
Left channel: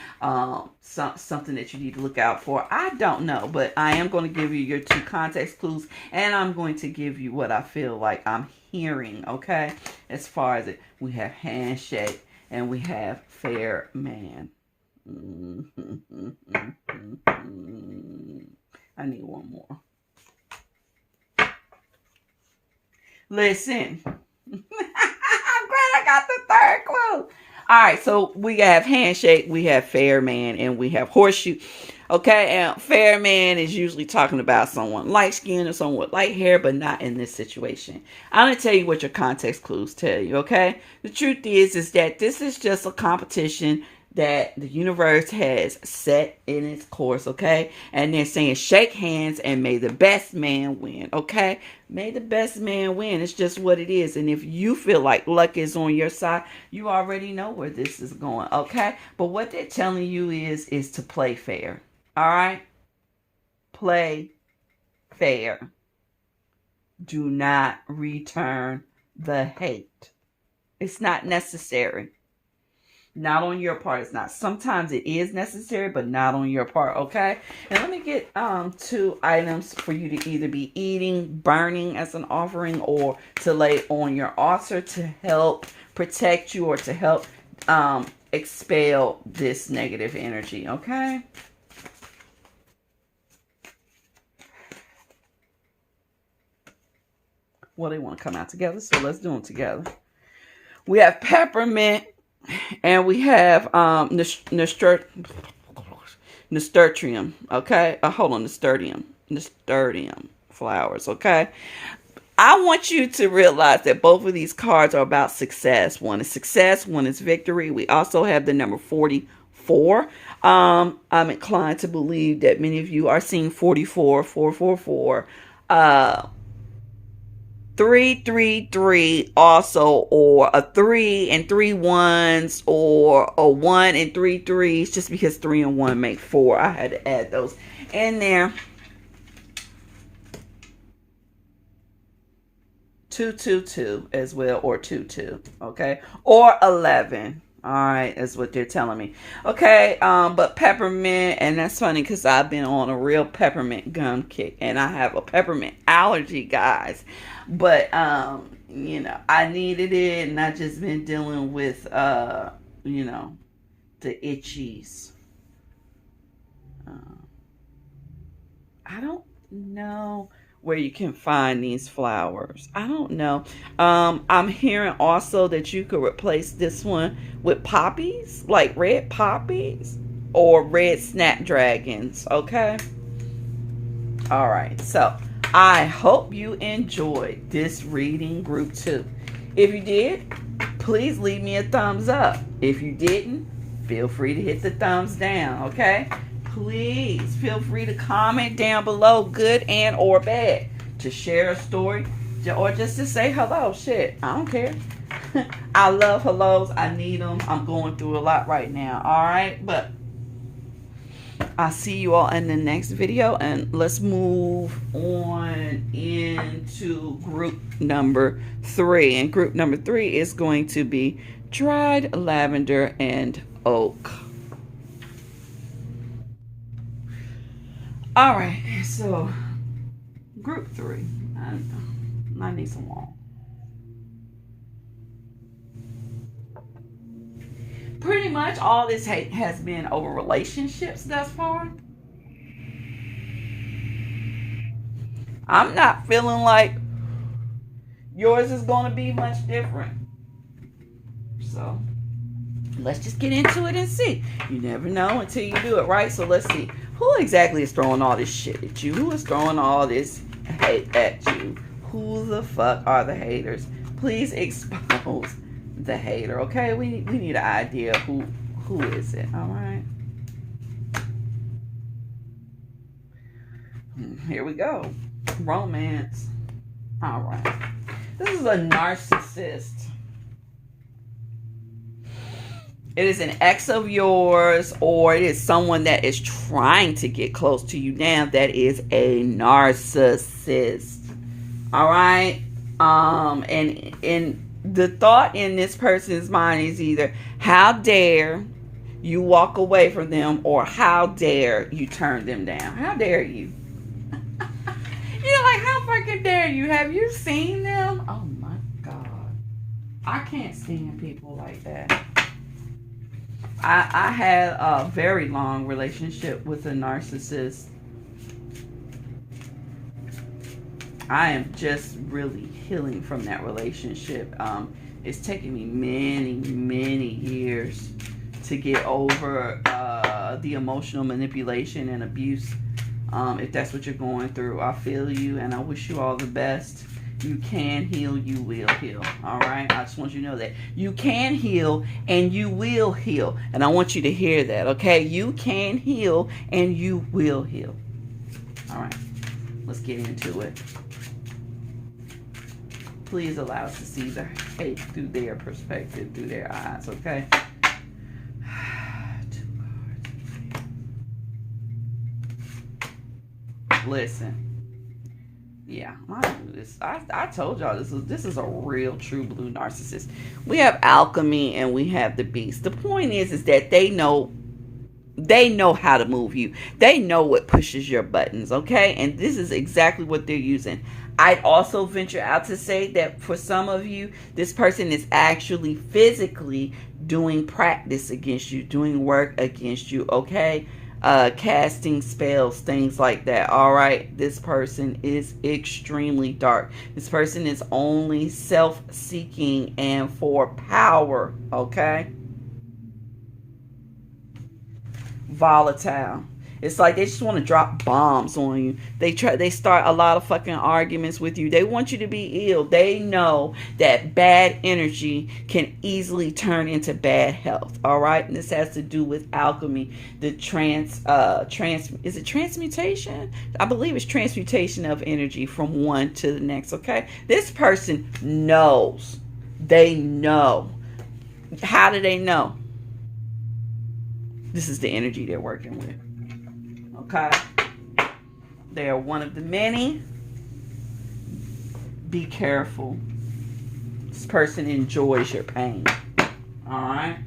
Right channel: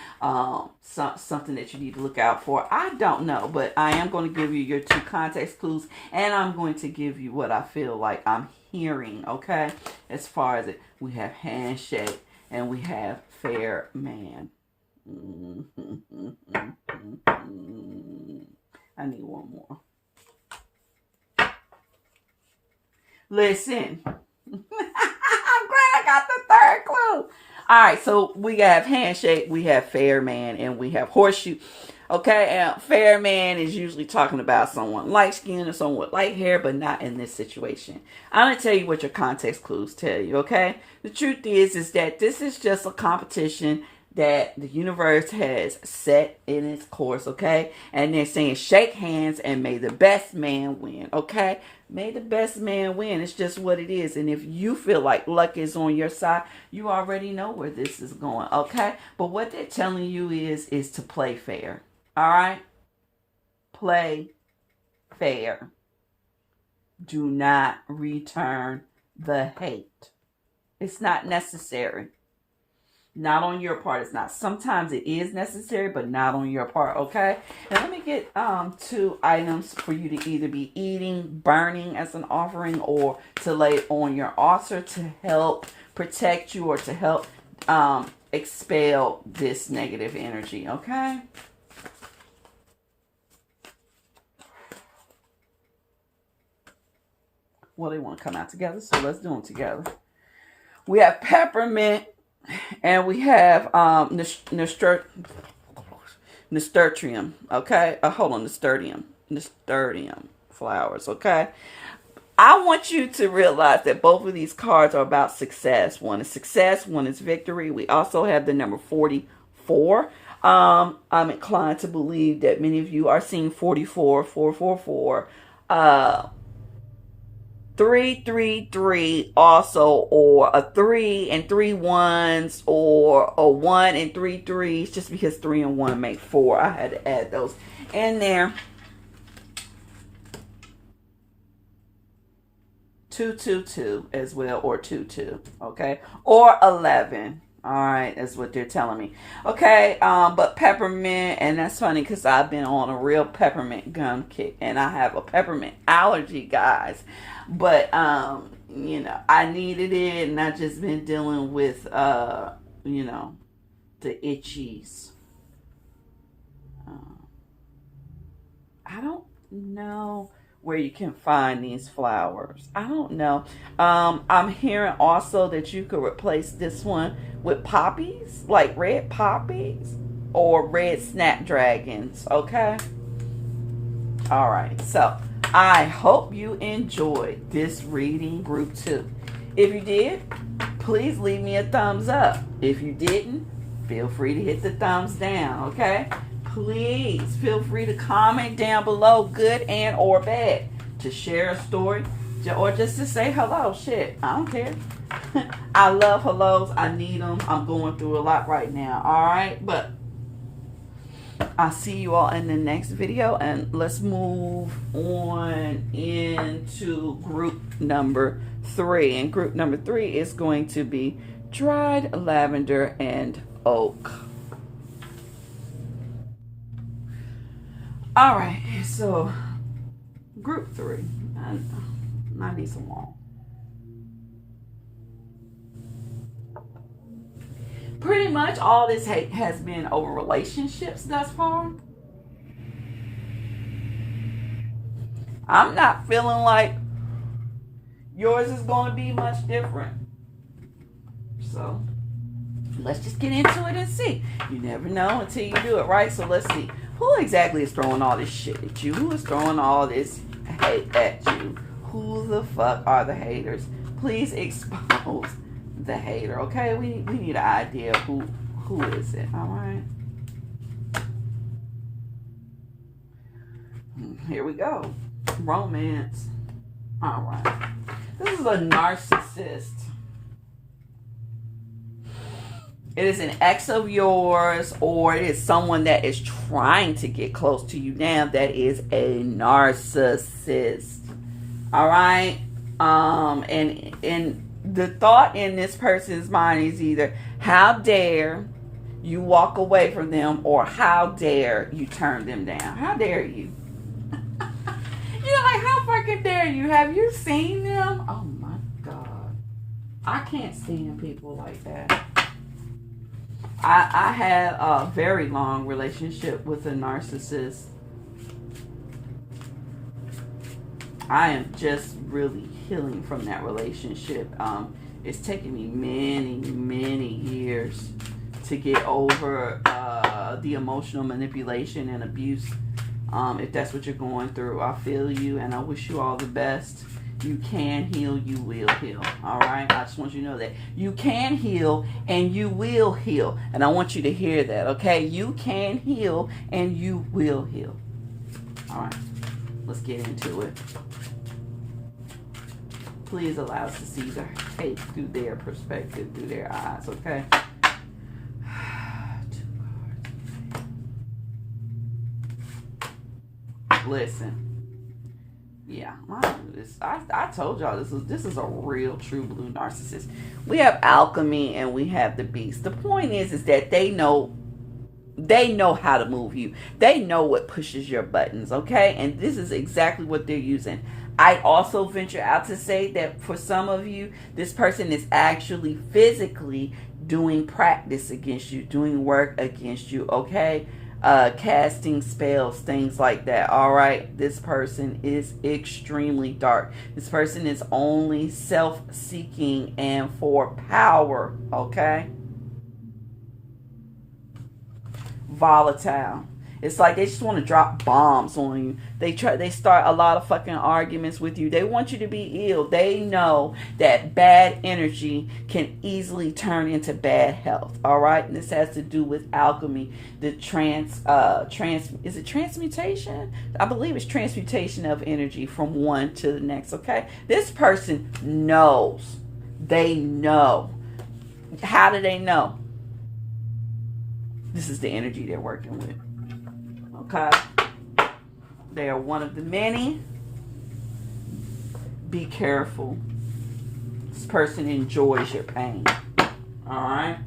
Something that you need to look out for. I don't know, but I am going to give you your 2 context clues, and I'm going to give you what I feel like I'm hearing. Okay. As far as it, we have handshake and we have fair man. I need one more. Listen. I'm glad I got the 3rd clue. All right, so we have handshake, we have fair man, and we have horseshoe. Okay, and fair man is usually talking about someone light skinned or someone with light hair, but not in this situation. I'm going to tell you what your context clues tell you, okay? The truth is that this is just a competition that the universe has set in its course, okay? And they're saying shake hands and may the best man win, okay? May the best man win. It's just what it is. And if you feel like luck is on your side, you already know where this is going, okay? But what they're telling you is to play fair, all right? Play fair. Do not return the hate. It's not necessary. Not on your part. It's not. Sometimes it is necessary, but not on your part, okay? And let me get 2 items for you to either be eating, burning as an offering, or to lay on your altar to help protect you or to help expel this negative energy, okay? Well, they want to come out together, so let's do them together. We have peppermint. And we have nasturtium, okay? Hold on, nasturtium flowers, okay? I want you to realize that both of these cards are about success. One is success, one is victory. We also have the number 44. I'm inclined to believe that many of you are seeing 44, 444. 333 also, or a 3 and 3 1s, or a 1 and 3 3s, just because 3 and 1 make 4. I had to add those in there. 222 as well, or 22, okay, or 11. All right, that's what they're telling me. Okay, but peppermint, and that's funny because I've been on a real peppermint gum kick, and I have a peppermint allergy, guys. But you know, I needed it, and I've just been dealing with you know, the itchies. I don't know where you can find these flowers. I don't know. I'm hearing also that you could replace this one with poppies, like red poppies or red snapdragons, okay? All right, so I hope you enjoyed this reading, group 2. If you did, please leave me a thumbs up. If you didn't, feel free to hit the thumbs down, okay? Please feel free to comment down below, good and or bad, to share a story or just to say hello. Shit, I don't care. I love hellos. I need them. I'm going through a lot right now. All right, but I'll see you all in the next video, and let's move on into group number 3. And group number 3 is going to be dried lavender and oak. All right, so group 3. I need some more. Pretty much all this hate has been over relationships thus far. I'm not feeling like yours is going to be much different. So let's just get into it and see. You never know until you do it, right? So let's see. Who exactly is throwing all this shit at you? Who is throwing all this hate at you? Who the fuck are the haters? Please expose the hater, okay? We need an idea of who is it, all right? Here we go. Romance. All right. This is a narcissist. It is an ex of yours, or it is someone that is trying to get close to you now that is a narcissist. All right? And the thought in this person's mind is either, how dare you walk away from them, or how dare you turn them down? How dare you? You're like, how fucking dare you? Have you seen them? Oh my God. I can't stand people like that. I had a very long relationship with a narcissist. I am just really healing from that relationship. It's taken me many years to get over the emotional manipulation and abuse. If that's what you're going through, I feel you, and I wish you all the best. You can heal, you will heal. All right? I just want you to know that. You can heal, and you will heal. And I want you to hear that, okay? You can heal, and you will heal. All right. Let's get into it. Please allow us to see the hate through their perspective, through their eyes, okay? Listen. Yeah, I told y'all this is a real true blue narcissist. We have alchemy and we have the beast. The point is that they know how to move you. They know what pushes your buttons, okay? And this is exactly what they're using. I'd also venture out to say that for some of you, this person is actually physically doing practice against you, doing work against you, okay? Casting spells, things like that. All right, this person is extremely dark. This person is only self-seeking and for power, okay? Volatile. It's like they just want to drop bombs on you. They start a lot of fucking arguments with you. They want you to be ill. They know that bad energy can easily turn into bad health. All right? And this has to do with alchemy. The is it transmutation? I believe it's transmutation of energy from one to the next, okay? This person knows. They know. How do they know? This is the energy they're working with. Okay, they are one of the many. Be careful. This person enjoys your pain. All right.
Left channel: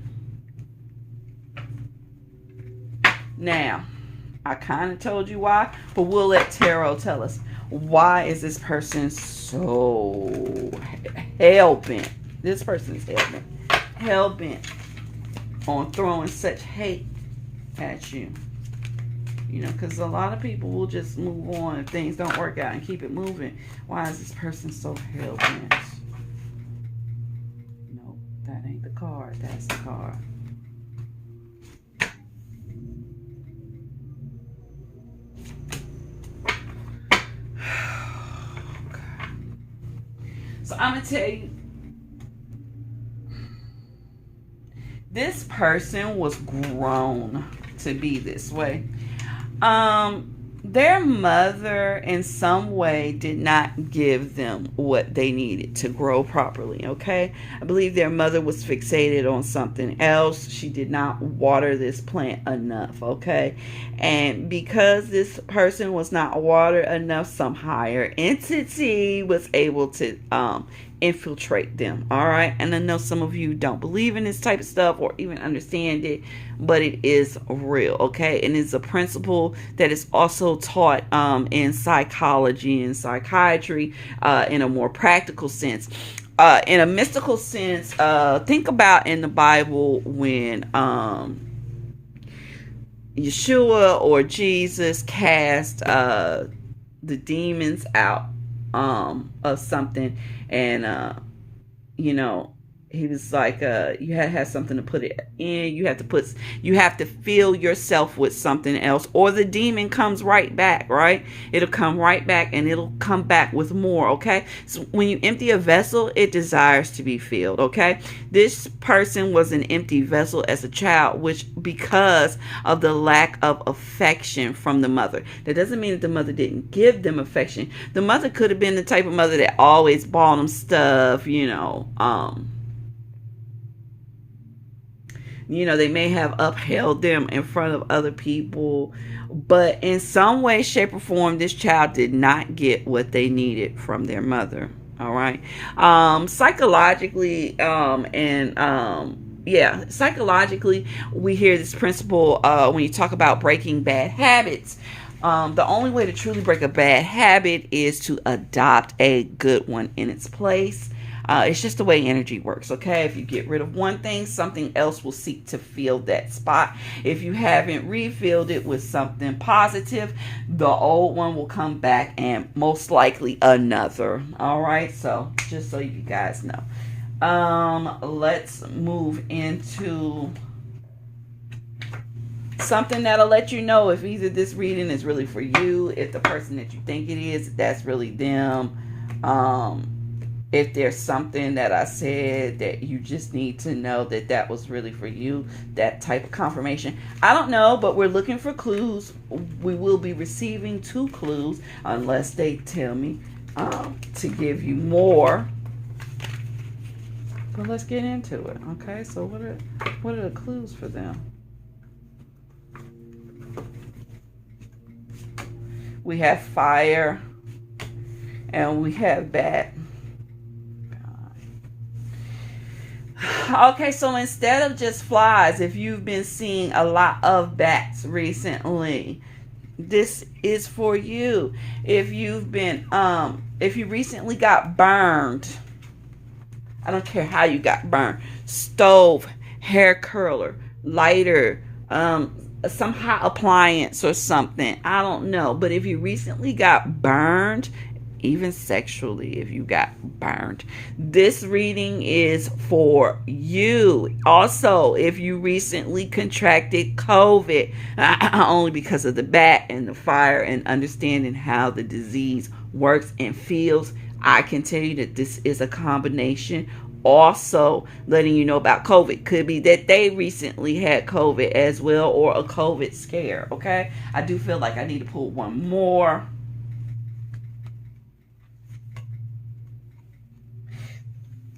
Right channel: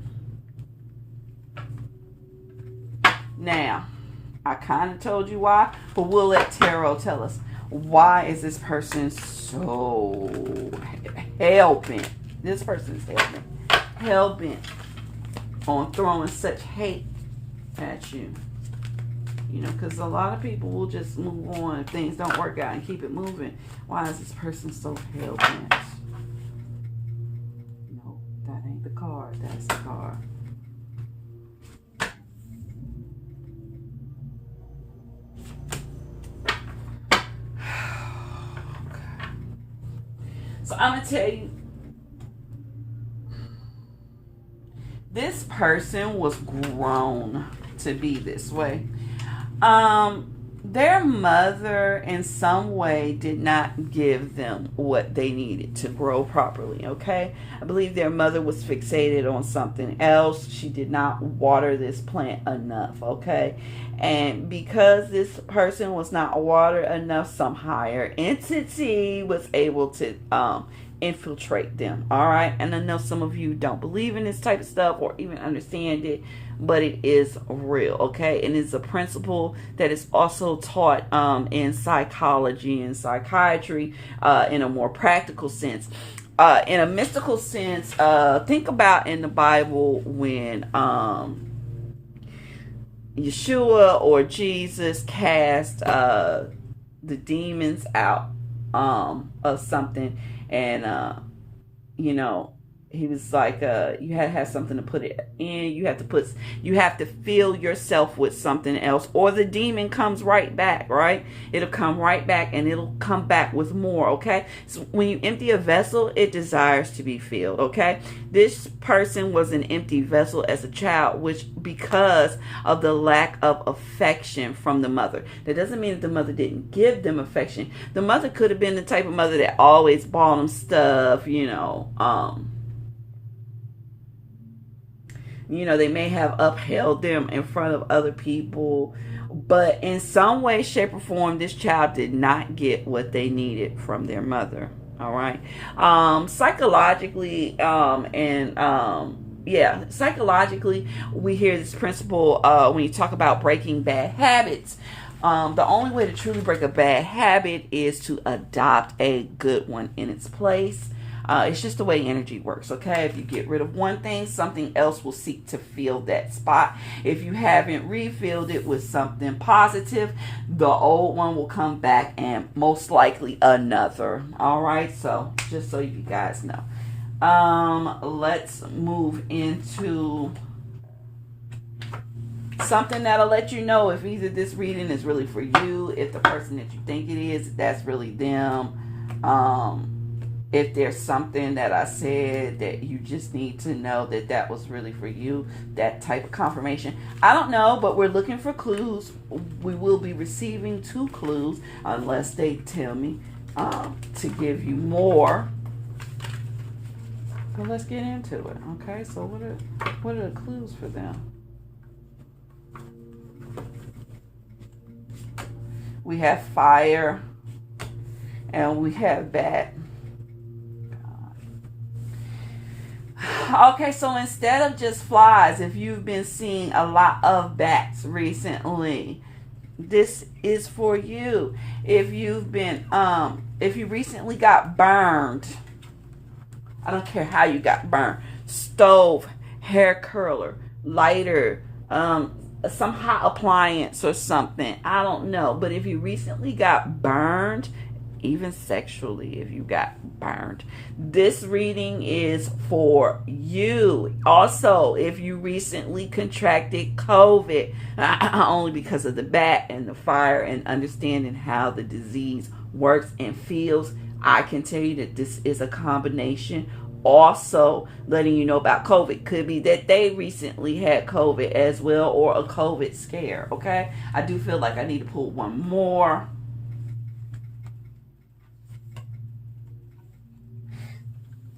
Now, I kind of told you why, but we'll let tarot tell us. Why is this person so hell-bent? This person is hell-bent on throwing such hate at you. You know, because a lot of people will just move on if things don't work out and keep it moving. Why is this person so hell-bent? No, that ain't the card. That's the card. Okay. So I'm going to tell you, this person was grown to be this way. Their mother in some way did not give them what they needed to grow properly, okay? I believe their mother was fixated on something else. She did not water this plant enough, okay? And because this person was not watered enough, some higher entity was able to infiltrate them, all right? And I know some of you don't believe in this type of stuff or even understand it, but it is real, okay? And it's a principle that is also taught in psychology and psychiatry in a more practical sense. In a mystical sense, think about in the Bible when Yeshua or Jesus cast the demons out of something, and you know, he was like, you had to have something to put it in. You have to fill yourself with something else, or the demon comes right back, right? It'll come right back, and it'll come back with more, okay? So when you empty a vessel, it desires to be filled, okay? This person was an empty vessel as a child, which because of the lack of affection from the mother. That doesn't mean that the mother didn't give them affection. The mother could have been the type of mother that always bought them stuff, they may have upheld them in front of other people, but in some way, shape, or form, this child did not get what they needed from their mother. All right. Psychologically, psychologically, we hear this principle when you talk about breaking bad habits. The only way to truly break a bad habit is to adopt a good one in its place. It's just the way energy works, okay? If you get rid of one thing, something else will seek to fill that spot. If you haven't refilled it with something positive, the old one will come back, and most likely another. All right, so just so you guys know. Let's move into something that'll let you know if either this reading is really for you, if the person that you think it is, that's really them. If there's something that I said that you just need to know that was really for you, that type of confirmation. I don't know, but we're looking for clues. We will be receiving 2 clues unless they tell me to give you more. Well, let's get into it. Okay, so what are the clues for them? We have fire and we have bat. Okay, so instead of just flies, if you've been seeing a lot of bats recently, this is for you. If you've been, if you recently got burned, I don't care how you got burned, stove, hair curler, lighter, some hot appliance or something, I don't know. But if you recently got burned, even sexually, if you got burned, this reading is for you. Also, if you recently contracted COVID, only because of the bat and the fire and understanding how the disease works and feels, I can tell you that this is a combination. Also, letting you know about COVID. Could be that they recently had COVID as well, or a COVID scare. Okay, I do feel like I need to pull one more.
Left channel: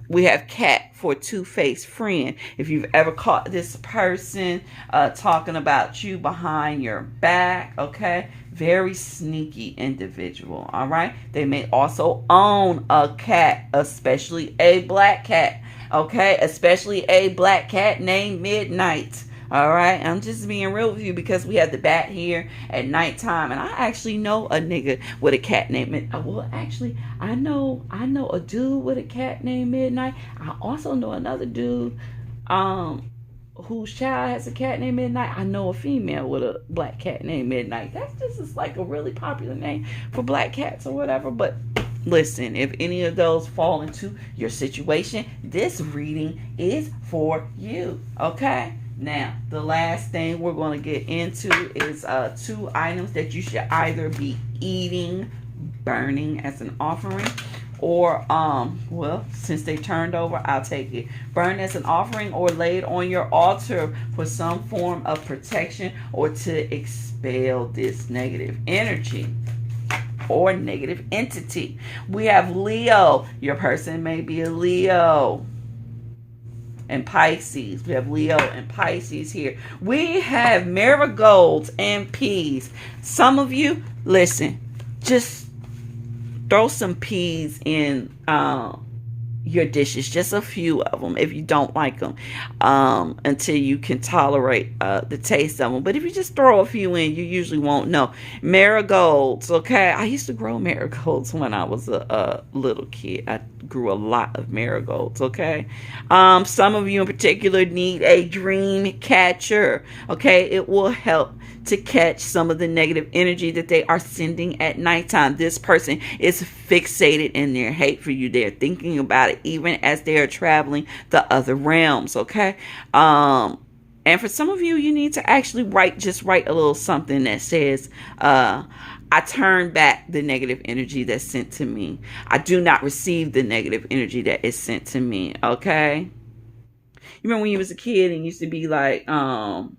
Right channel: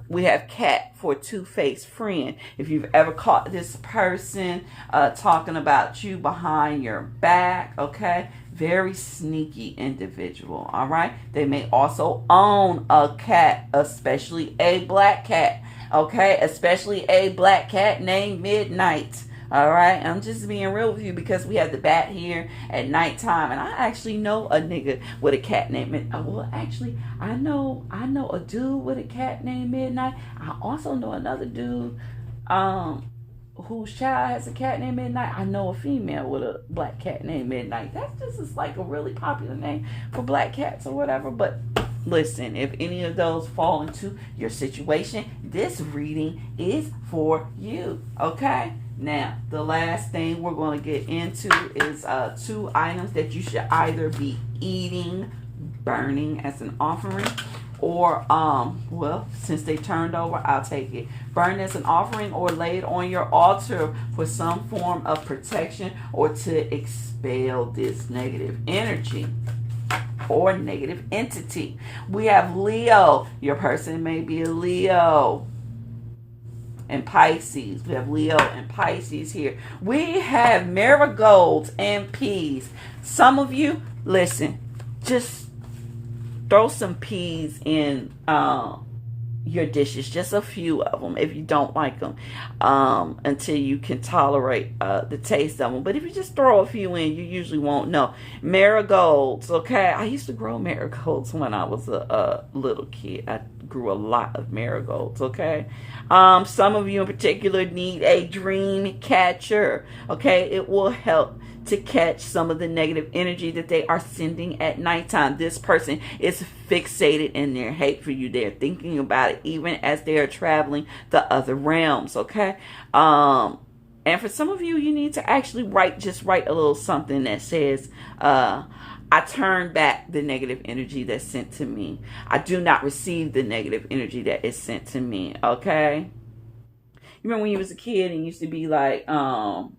We have cat for two-faced friend. If you've ever caught this person talking about you behind your back, okay? Very sneaky individual, all right? They may also own a cat, especially a black cat, okay? Especially a black cat named Midnight. All right, I'm just being real with you because we have the bat here at nighttime, and I actually know a nigga with a cat named I know a dude with a cat named Midnight. I also know another dude whose child has a cat named Midnight. I know a female with a black cat named Midnight. That's just like a really popular name for black cats or whatever. But listen, if any of those fall into your situation, this reading is for you, okay? Now, the last thing we're going to get into is 2 items that you should either be eating, burning as an offering, or, well, since they turned over, I'll take it. Burn as an offering or laid on your altar for some form of protection or to expel this negative energy or negative entity. We have Leo. Your person may be a Leo. And Pisces. We have Leo and Pisces here. We have marigolds and peas. Some of you, listen, just throw some peas in your dishes, just a few of them if you don't like them, until you can tolerate the taste of them. But if you just throw a few in, you usually won't know. Marigolds, okay? I used to grow marigolds when I was a little kid. I grew a lot of marigolds, okay? Some of you in particular need a dream catcher, okay? It will help to catch some of the negative energy that they are sending at nighttime. This person is fixated in their hate for you. They're thinking about about it, even as they are traveling the other realms, okay? And for some of you, you need to actually write a little something that says, I turn back the negative energy that's sent to me. I do not receive the negative energy that is sent to me, okay? You remember when you was a kid and used to be like, damn,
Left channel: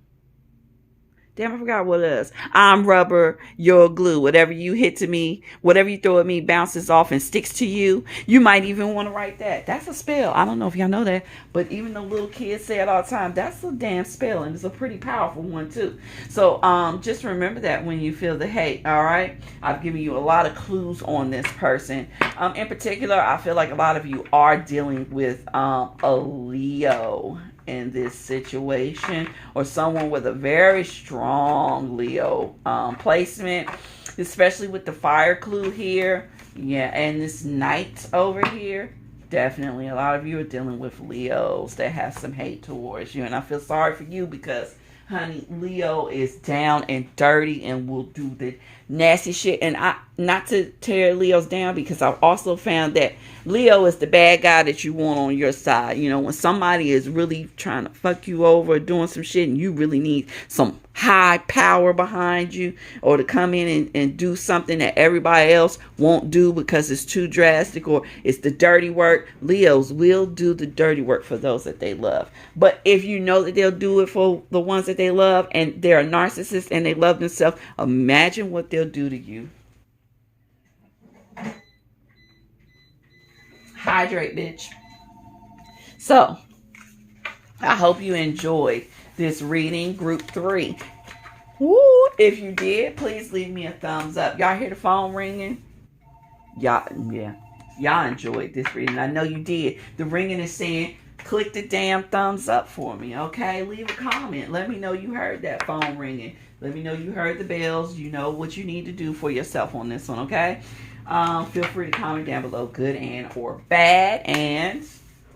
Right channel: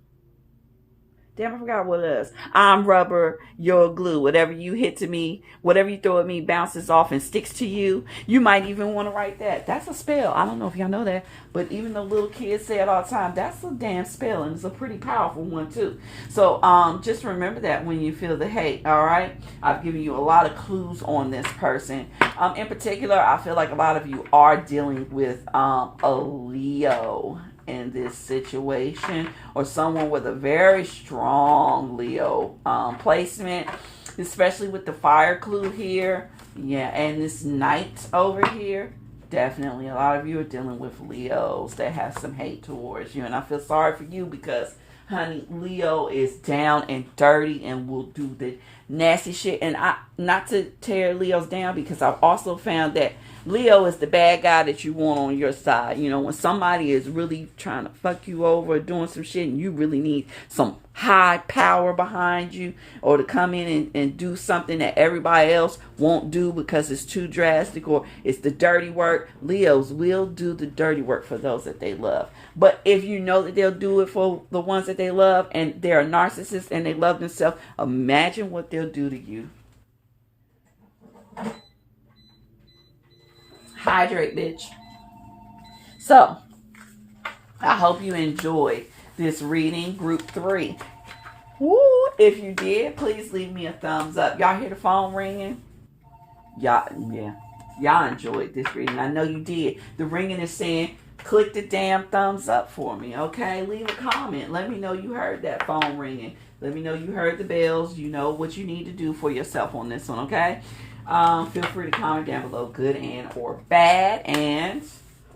I forgot what it is. I'm rubber, you're glue. Whatever you hit to me, whatever you throw at me bounces off and sticks to you. You might even want to write that. That's a spell. I don't know if y'all know that, but even the little kids say it all the time. That's a damn spell, and it's a pretty powerful one too. So just remember that when you feel the hate, all right? I've given you a lot of clues on this person. In particular, I feel like a lot of you are dealing with a Leo in this situation, or someone with a very strong Leo placement, especially with the fire clue here. Yeah, and this knight over here. Definitely a lot of you are dealing with Leos that have some hate towards you, and I feel sorry for you because, honey, Leo is down and dirty and will do the nasty shit. And I, not to tear Leos down, because I've also found that Leo is the bad guy that you want on your side. You know, when somebody is really trying to fuck you over, doing some shit, and you really need some high power behind you, or to come in and do something that everybody else won't do because it's too drastic or it's the dirty work. Leos will do the dirty work for those that they love. But if you know that they'll do it for the ones that they love, and they're a narcissist and they love themselves, imagine what they'll do to you. Hydrate, bitch. So, I hope you enjoyed this reading, group 3. Woo! If you did, please leave me a thumbs up. Y'all hear the phone ringing? Y'all enjoyed this reading. I know you did. The ringing is saying, click the damn thumbs up for me, okay? Leave a comment. Let me know you heard that phone ringing. Let me know you heard the bells. You know what you need to do for yourself on this one, okay? Feel free to comment down below, good and or bad. And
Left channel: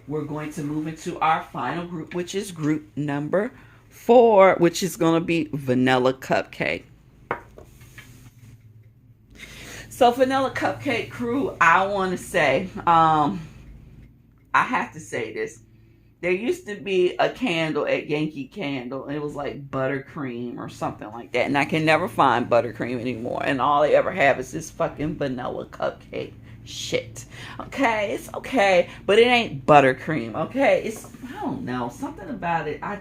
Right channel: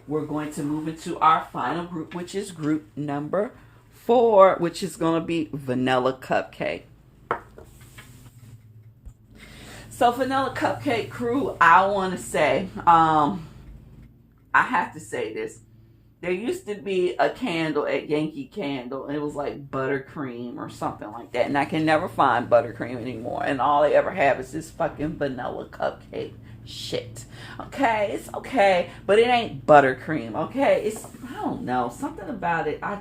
we're going to move into our final group, which is group number 4, which is going to be Vanilla Cupcake. So Vanilla Cupcake crew, I want to say, I have to say this. There used to be a candle at Yankee Candle, and it was like buttercream or something like that. And I can never find buttercream anymore. And all they ever have is this fucking vanilla cupcake shit. Okay, it's okay, but it ain't buttercream. Okay, it's, I don't know, something about it. I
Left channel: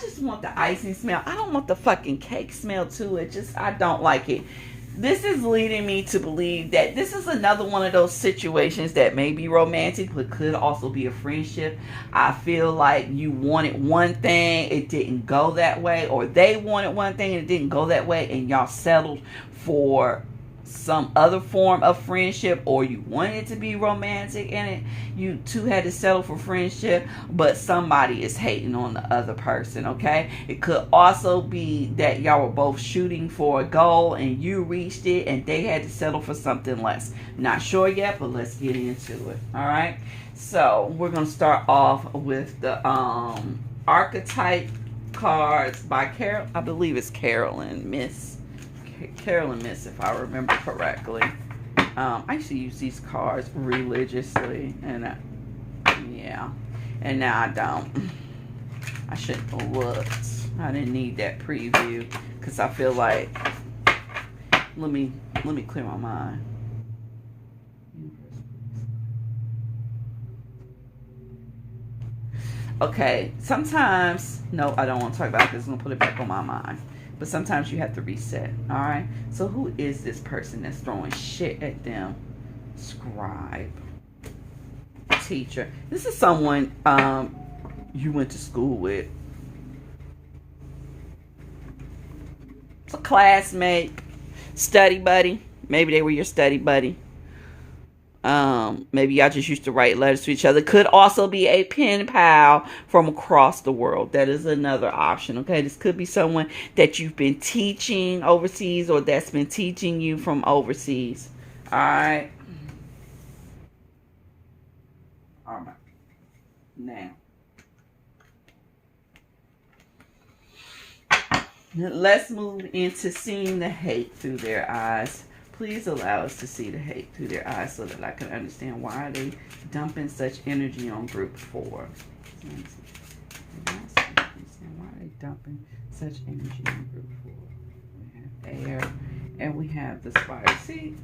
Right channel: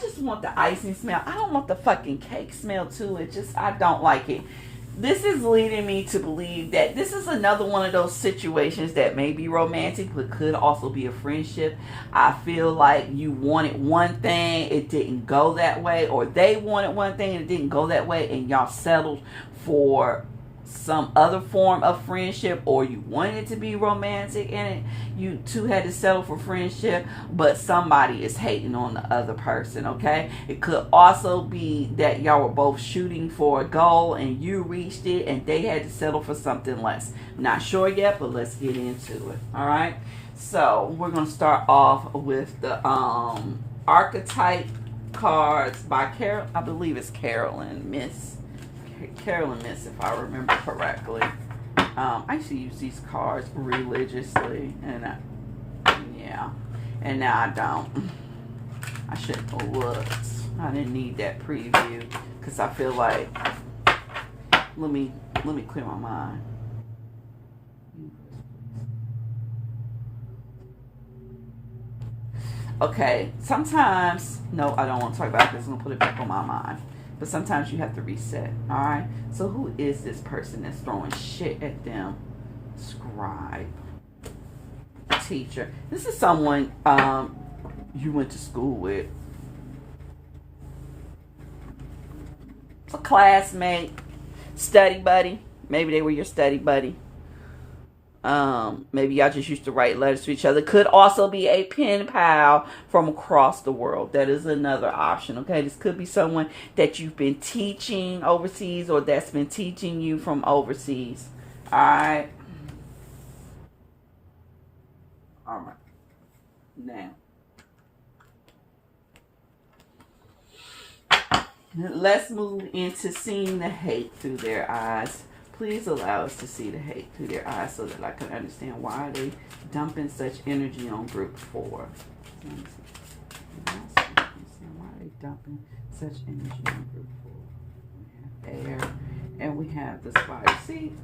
just want the icing smell. I don't want the fucking cake smell too. It just, I don't like it. This is leading me to believe that this is another one of those situations that may be romantic, but could also be a friendship. I feel like you wanted one thing, it didn't go that way, or they wanted one thing and it didn't go that way, and y'all settled for some other form of friendship, or you wanted it to be romantic and it, you two had to settle for friendship, but somebody is hating on the other person, okay? It could also be that y'all were both shooting for a goal and you reached it and they had to settle for something less. Not sure yet, but let's get into it. All right, so we're gonna start off with the archetype cards by Carol, I believe it's Carolyn Miss, if I remember correctly. I used to use these cards religiously, and yeah, and now I don't. I shouldn't have looked. I didn't need that preview because I feel like, let me clear my mind. Okay, sometimes, no, I don't want to talk about this. I'm gonna put it back on my mind. But sometimes you have to reset, all right? So who is this person that's throwing shit at them? Scribe. Teacher. This is someone you went to school with. It's a classmate, study buddy. Maybe they were your study buddy. Maybe y'all just used to write letters to each other. Could also be a pen pal from across the world. That is another option, okay? This could be someone that you've been teaching overseas or that's been teaching you from overseas. All right? All right. Now, let's move into seeing the hate through their eyes. Please allow us to see the hate through their eyes so that I can understand why they dumping such energy on group 4. Why are they dumping such energy on group 4? We have air and we have the spicy.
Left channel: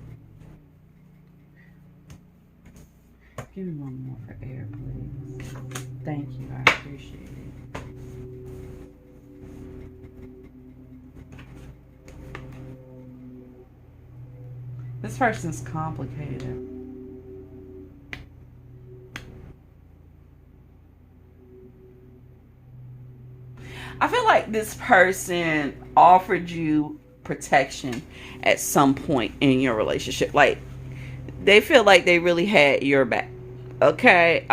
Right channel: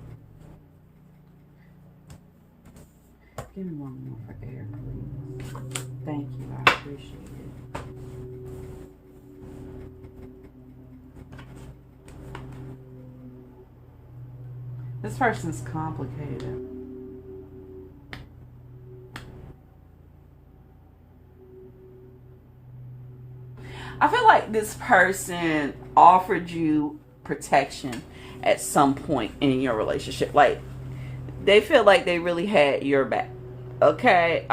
Give me one more for air, please. Thank you. I appreciate it. This person's complicated. I feel like this person offered you protection at some point in your relationship. Like, they feel like they really had your back. Okay?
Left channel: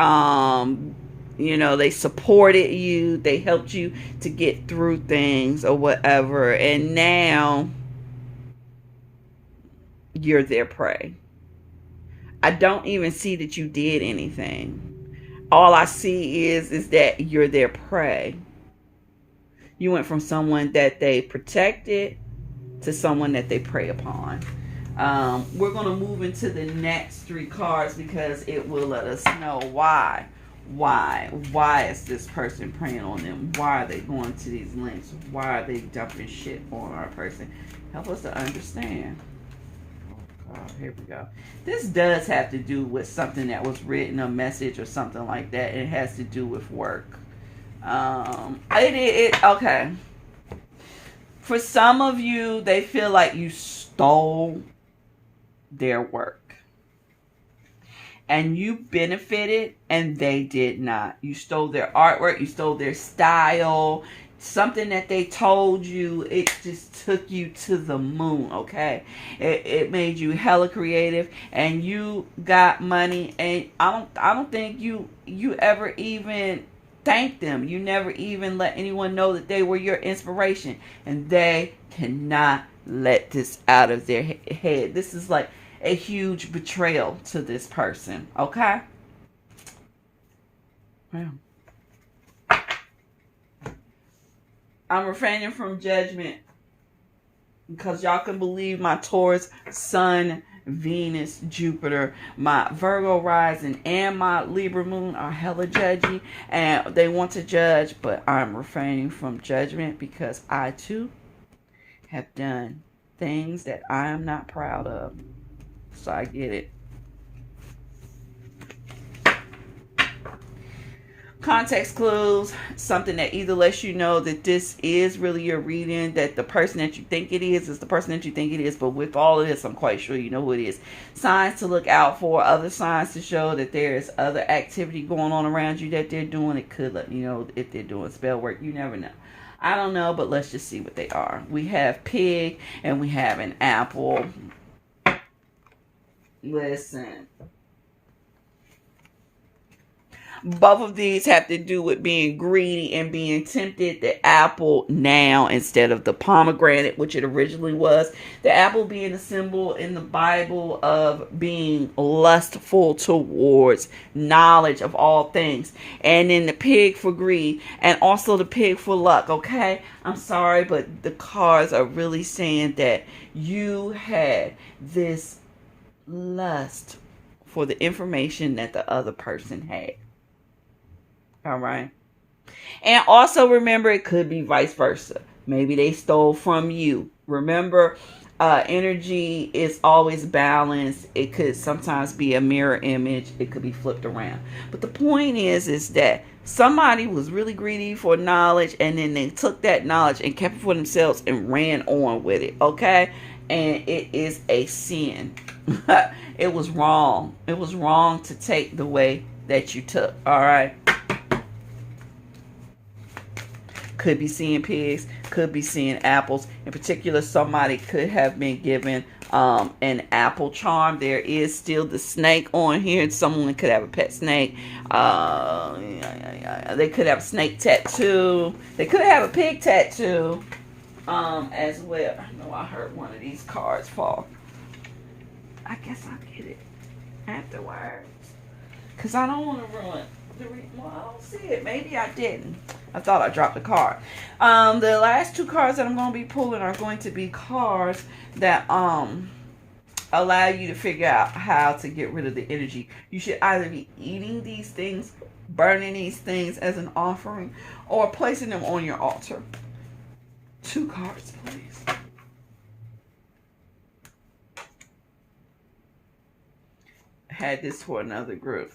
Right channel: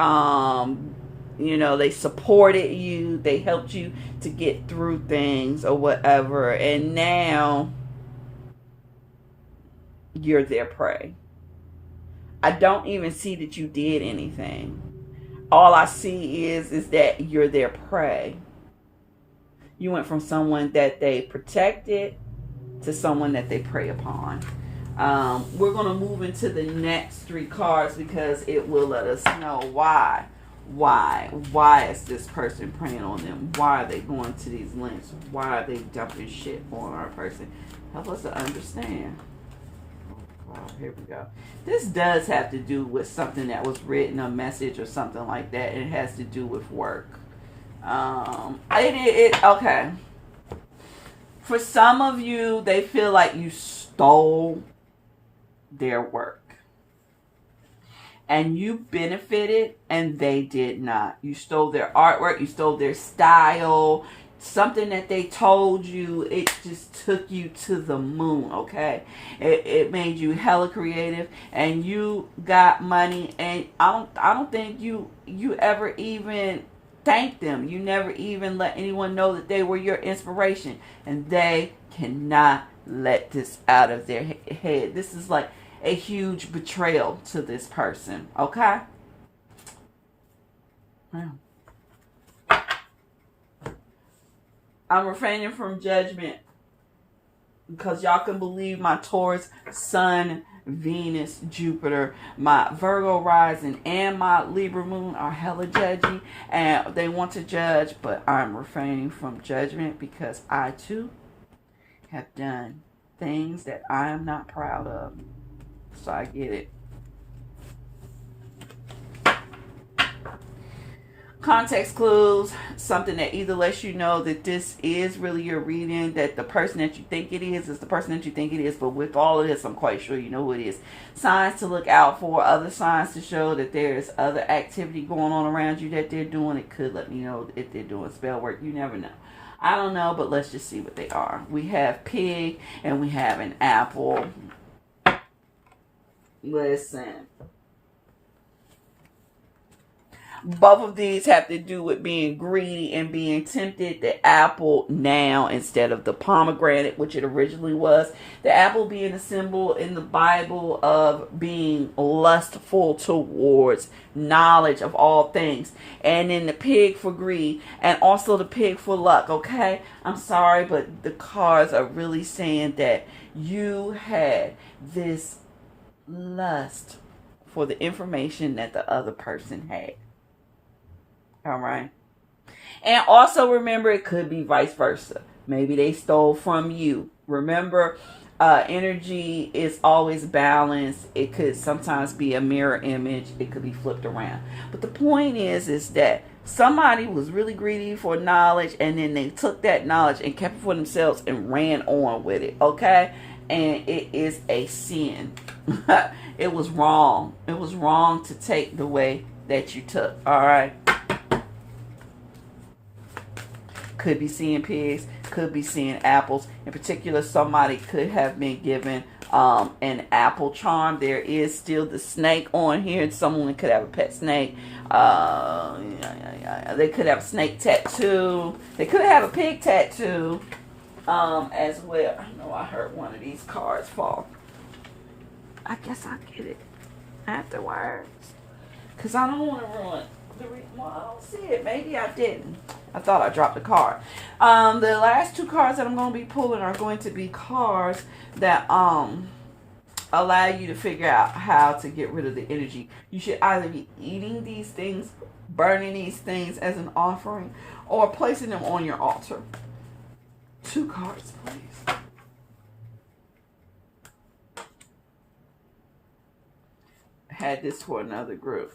You know, they supported you. They helped you to get through things or whatever. And now you're their prey. I don't even see that you did anything. All I see is that you're their prey. You went from someone that they protected to someone that they prey upon. We're going to move into the next 3 cards because it will let us know why. Why is this person preying on them? Why are they going to these lengths? Why are they dumping shit on our person? Help us to understand. Here we go. This does have to do with something that was written, a message or something like that. It has to do with work. Okay. For some of you, they feel like you stole their work. And you benefited and they did not. You stole their artwork. You stole their style. Something that they told you, it just took you to the moon, okay? It made you hella creative, and you got money, and I don't think you ever even thanked them. You never even let anyone know that they were your inspiration, and they cannot let this out of their head. This is like a huge betrayal to this person, okay? Wow. I'm refraining from judgment because y'all can believe my Taurus, Sun, Venus, Jupiter, my Virgo rising, and my Libra moon are hella judgy, and they want to judge, but I'm refraining from judgment because I too have done things that I am not proud of. So I get it. Context clues, something that either lets you know that this is really your reading, that the person that you think it is the person that you think it is, but with all of this, I'm quite sure you know who it is. Signs to look out for, other signs to show that there's other activity going on around you that they're doing. It could let you know if they're doing spell work. You never know. I don't know, but let's just see what they are. We have pig and we have an apple. Listen. Both of these have to do with being greedy and being tempted. The apple now instead of the pomegranate, which it originally was. The apple being a symbol in the Bible of being lustful towards knowledge of all things. And then the pig for greed. And also the pig for luck, okay? I'm sorry, but the cards are really saying that you had this lust for the information that the other person had. All right. And also remember, it could be vice versa. Maybe they stole from you. Remember, energy is always balanced. It could sometimes be a mirror image. It could be flipped around. But the point is that somebody was really greedy for knowledge, and then they took that knowledge and kept it for themselves and ran on with it. Okay? And it is a sin. It was wrong. It was wrong to take the way that you took. All right? Could be seeing pigs, could be seeing apples. In particular, somebody could have been given an apple charm. There is still the snake on here, and someone could have a pet snake. They could have a snake tattoo. They could have a pig tattoo as well. I know I heard one of these cards fall. I guess I'll get it afterwards because I don't want to ruin the well, I don't see it. Maybe I didn't. I thought I dropped a card. The last 2 cards that I'm going to be pulling are going to be cards that allow you to figure out how to get rid of the energy. You should either be eating these things, burning these things as an offering, or placing them on your altar. 2 cards, please. Had this for another group.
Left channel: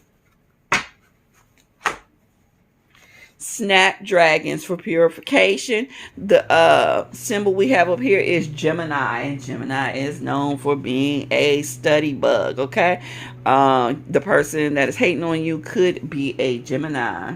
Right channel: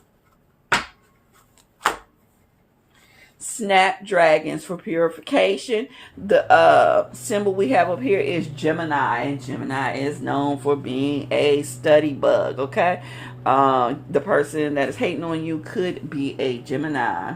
Snapdragons for purification. The symbol we have up here is Gemini, and Gemini is known for being a study bug. Okay, the person that is hating on you could be a Gemini.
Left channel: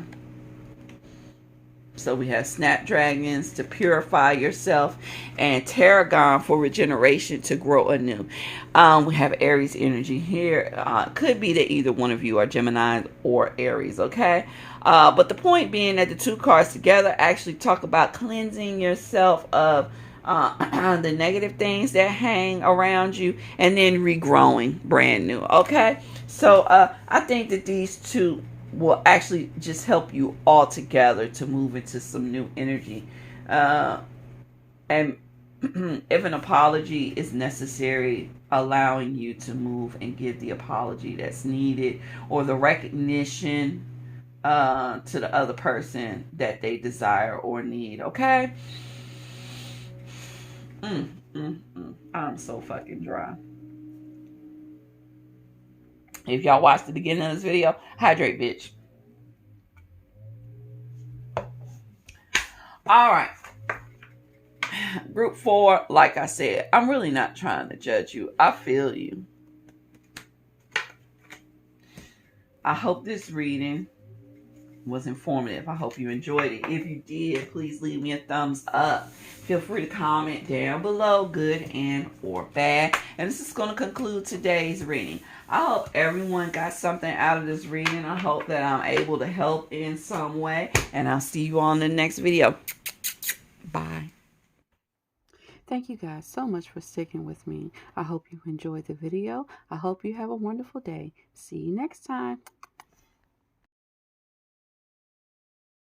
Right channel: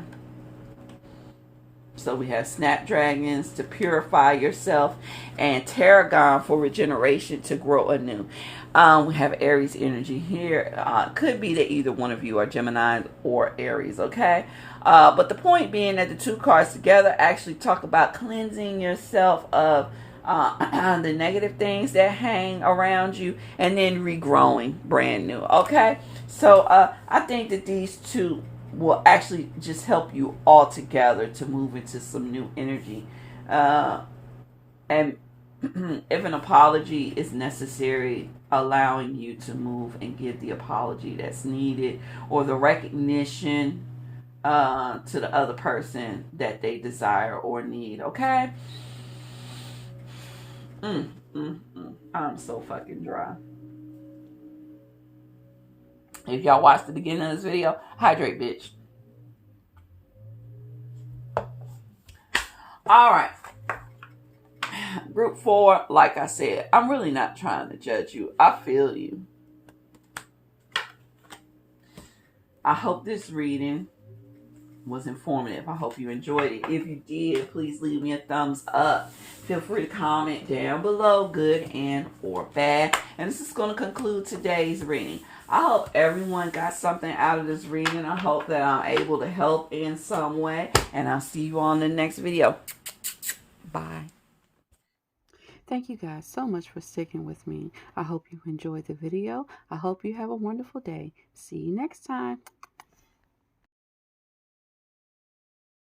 So we have snapdragons to purify yourself, and tarragon for regeneration to grow anew. We have Aries energy here. Could be that either one of you are Gemini or Aries, okay? But the point being that the 2 cards together actually talk about cleansing yourself of the negative things that hang around you and then regrowing brand new, okay? So I think that these 2 will actually just help you all together to move into some new energy. And if an apology is necessary, allowing you to move and give the apology that's needed, or the recognition to the other person that they desire or need, okay? I'm so fucking dry. If y'all watched the beginning of this video, hydrate, bitch. All right. Group 4, like I said, I'm really not trying to judge you. I feel you. I hope this reading was informative. I hope you enjoyed it. If you did, please leave me a thumbs up. Feel free to comment down below, good and or bad. And this is going to conclude today's reading. I hope everyone got something out of this reading. I hope that I'm able to help in some way. And I'll see you on the next video. Bye. Thank you guys so much for sticking with me. I hope you enjoyed the video. I hope you have a wonderful day. See you next time.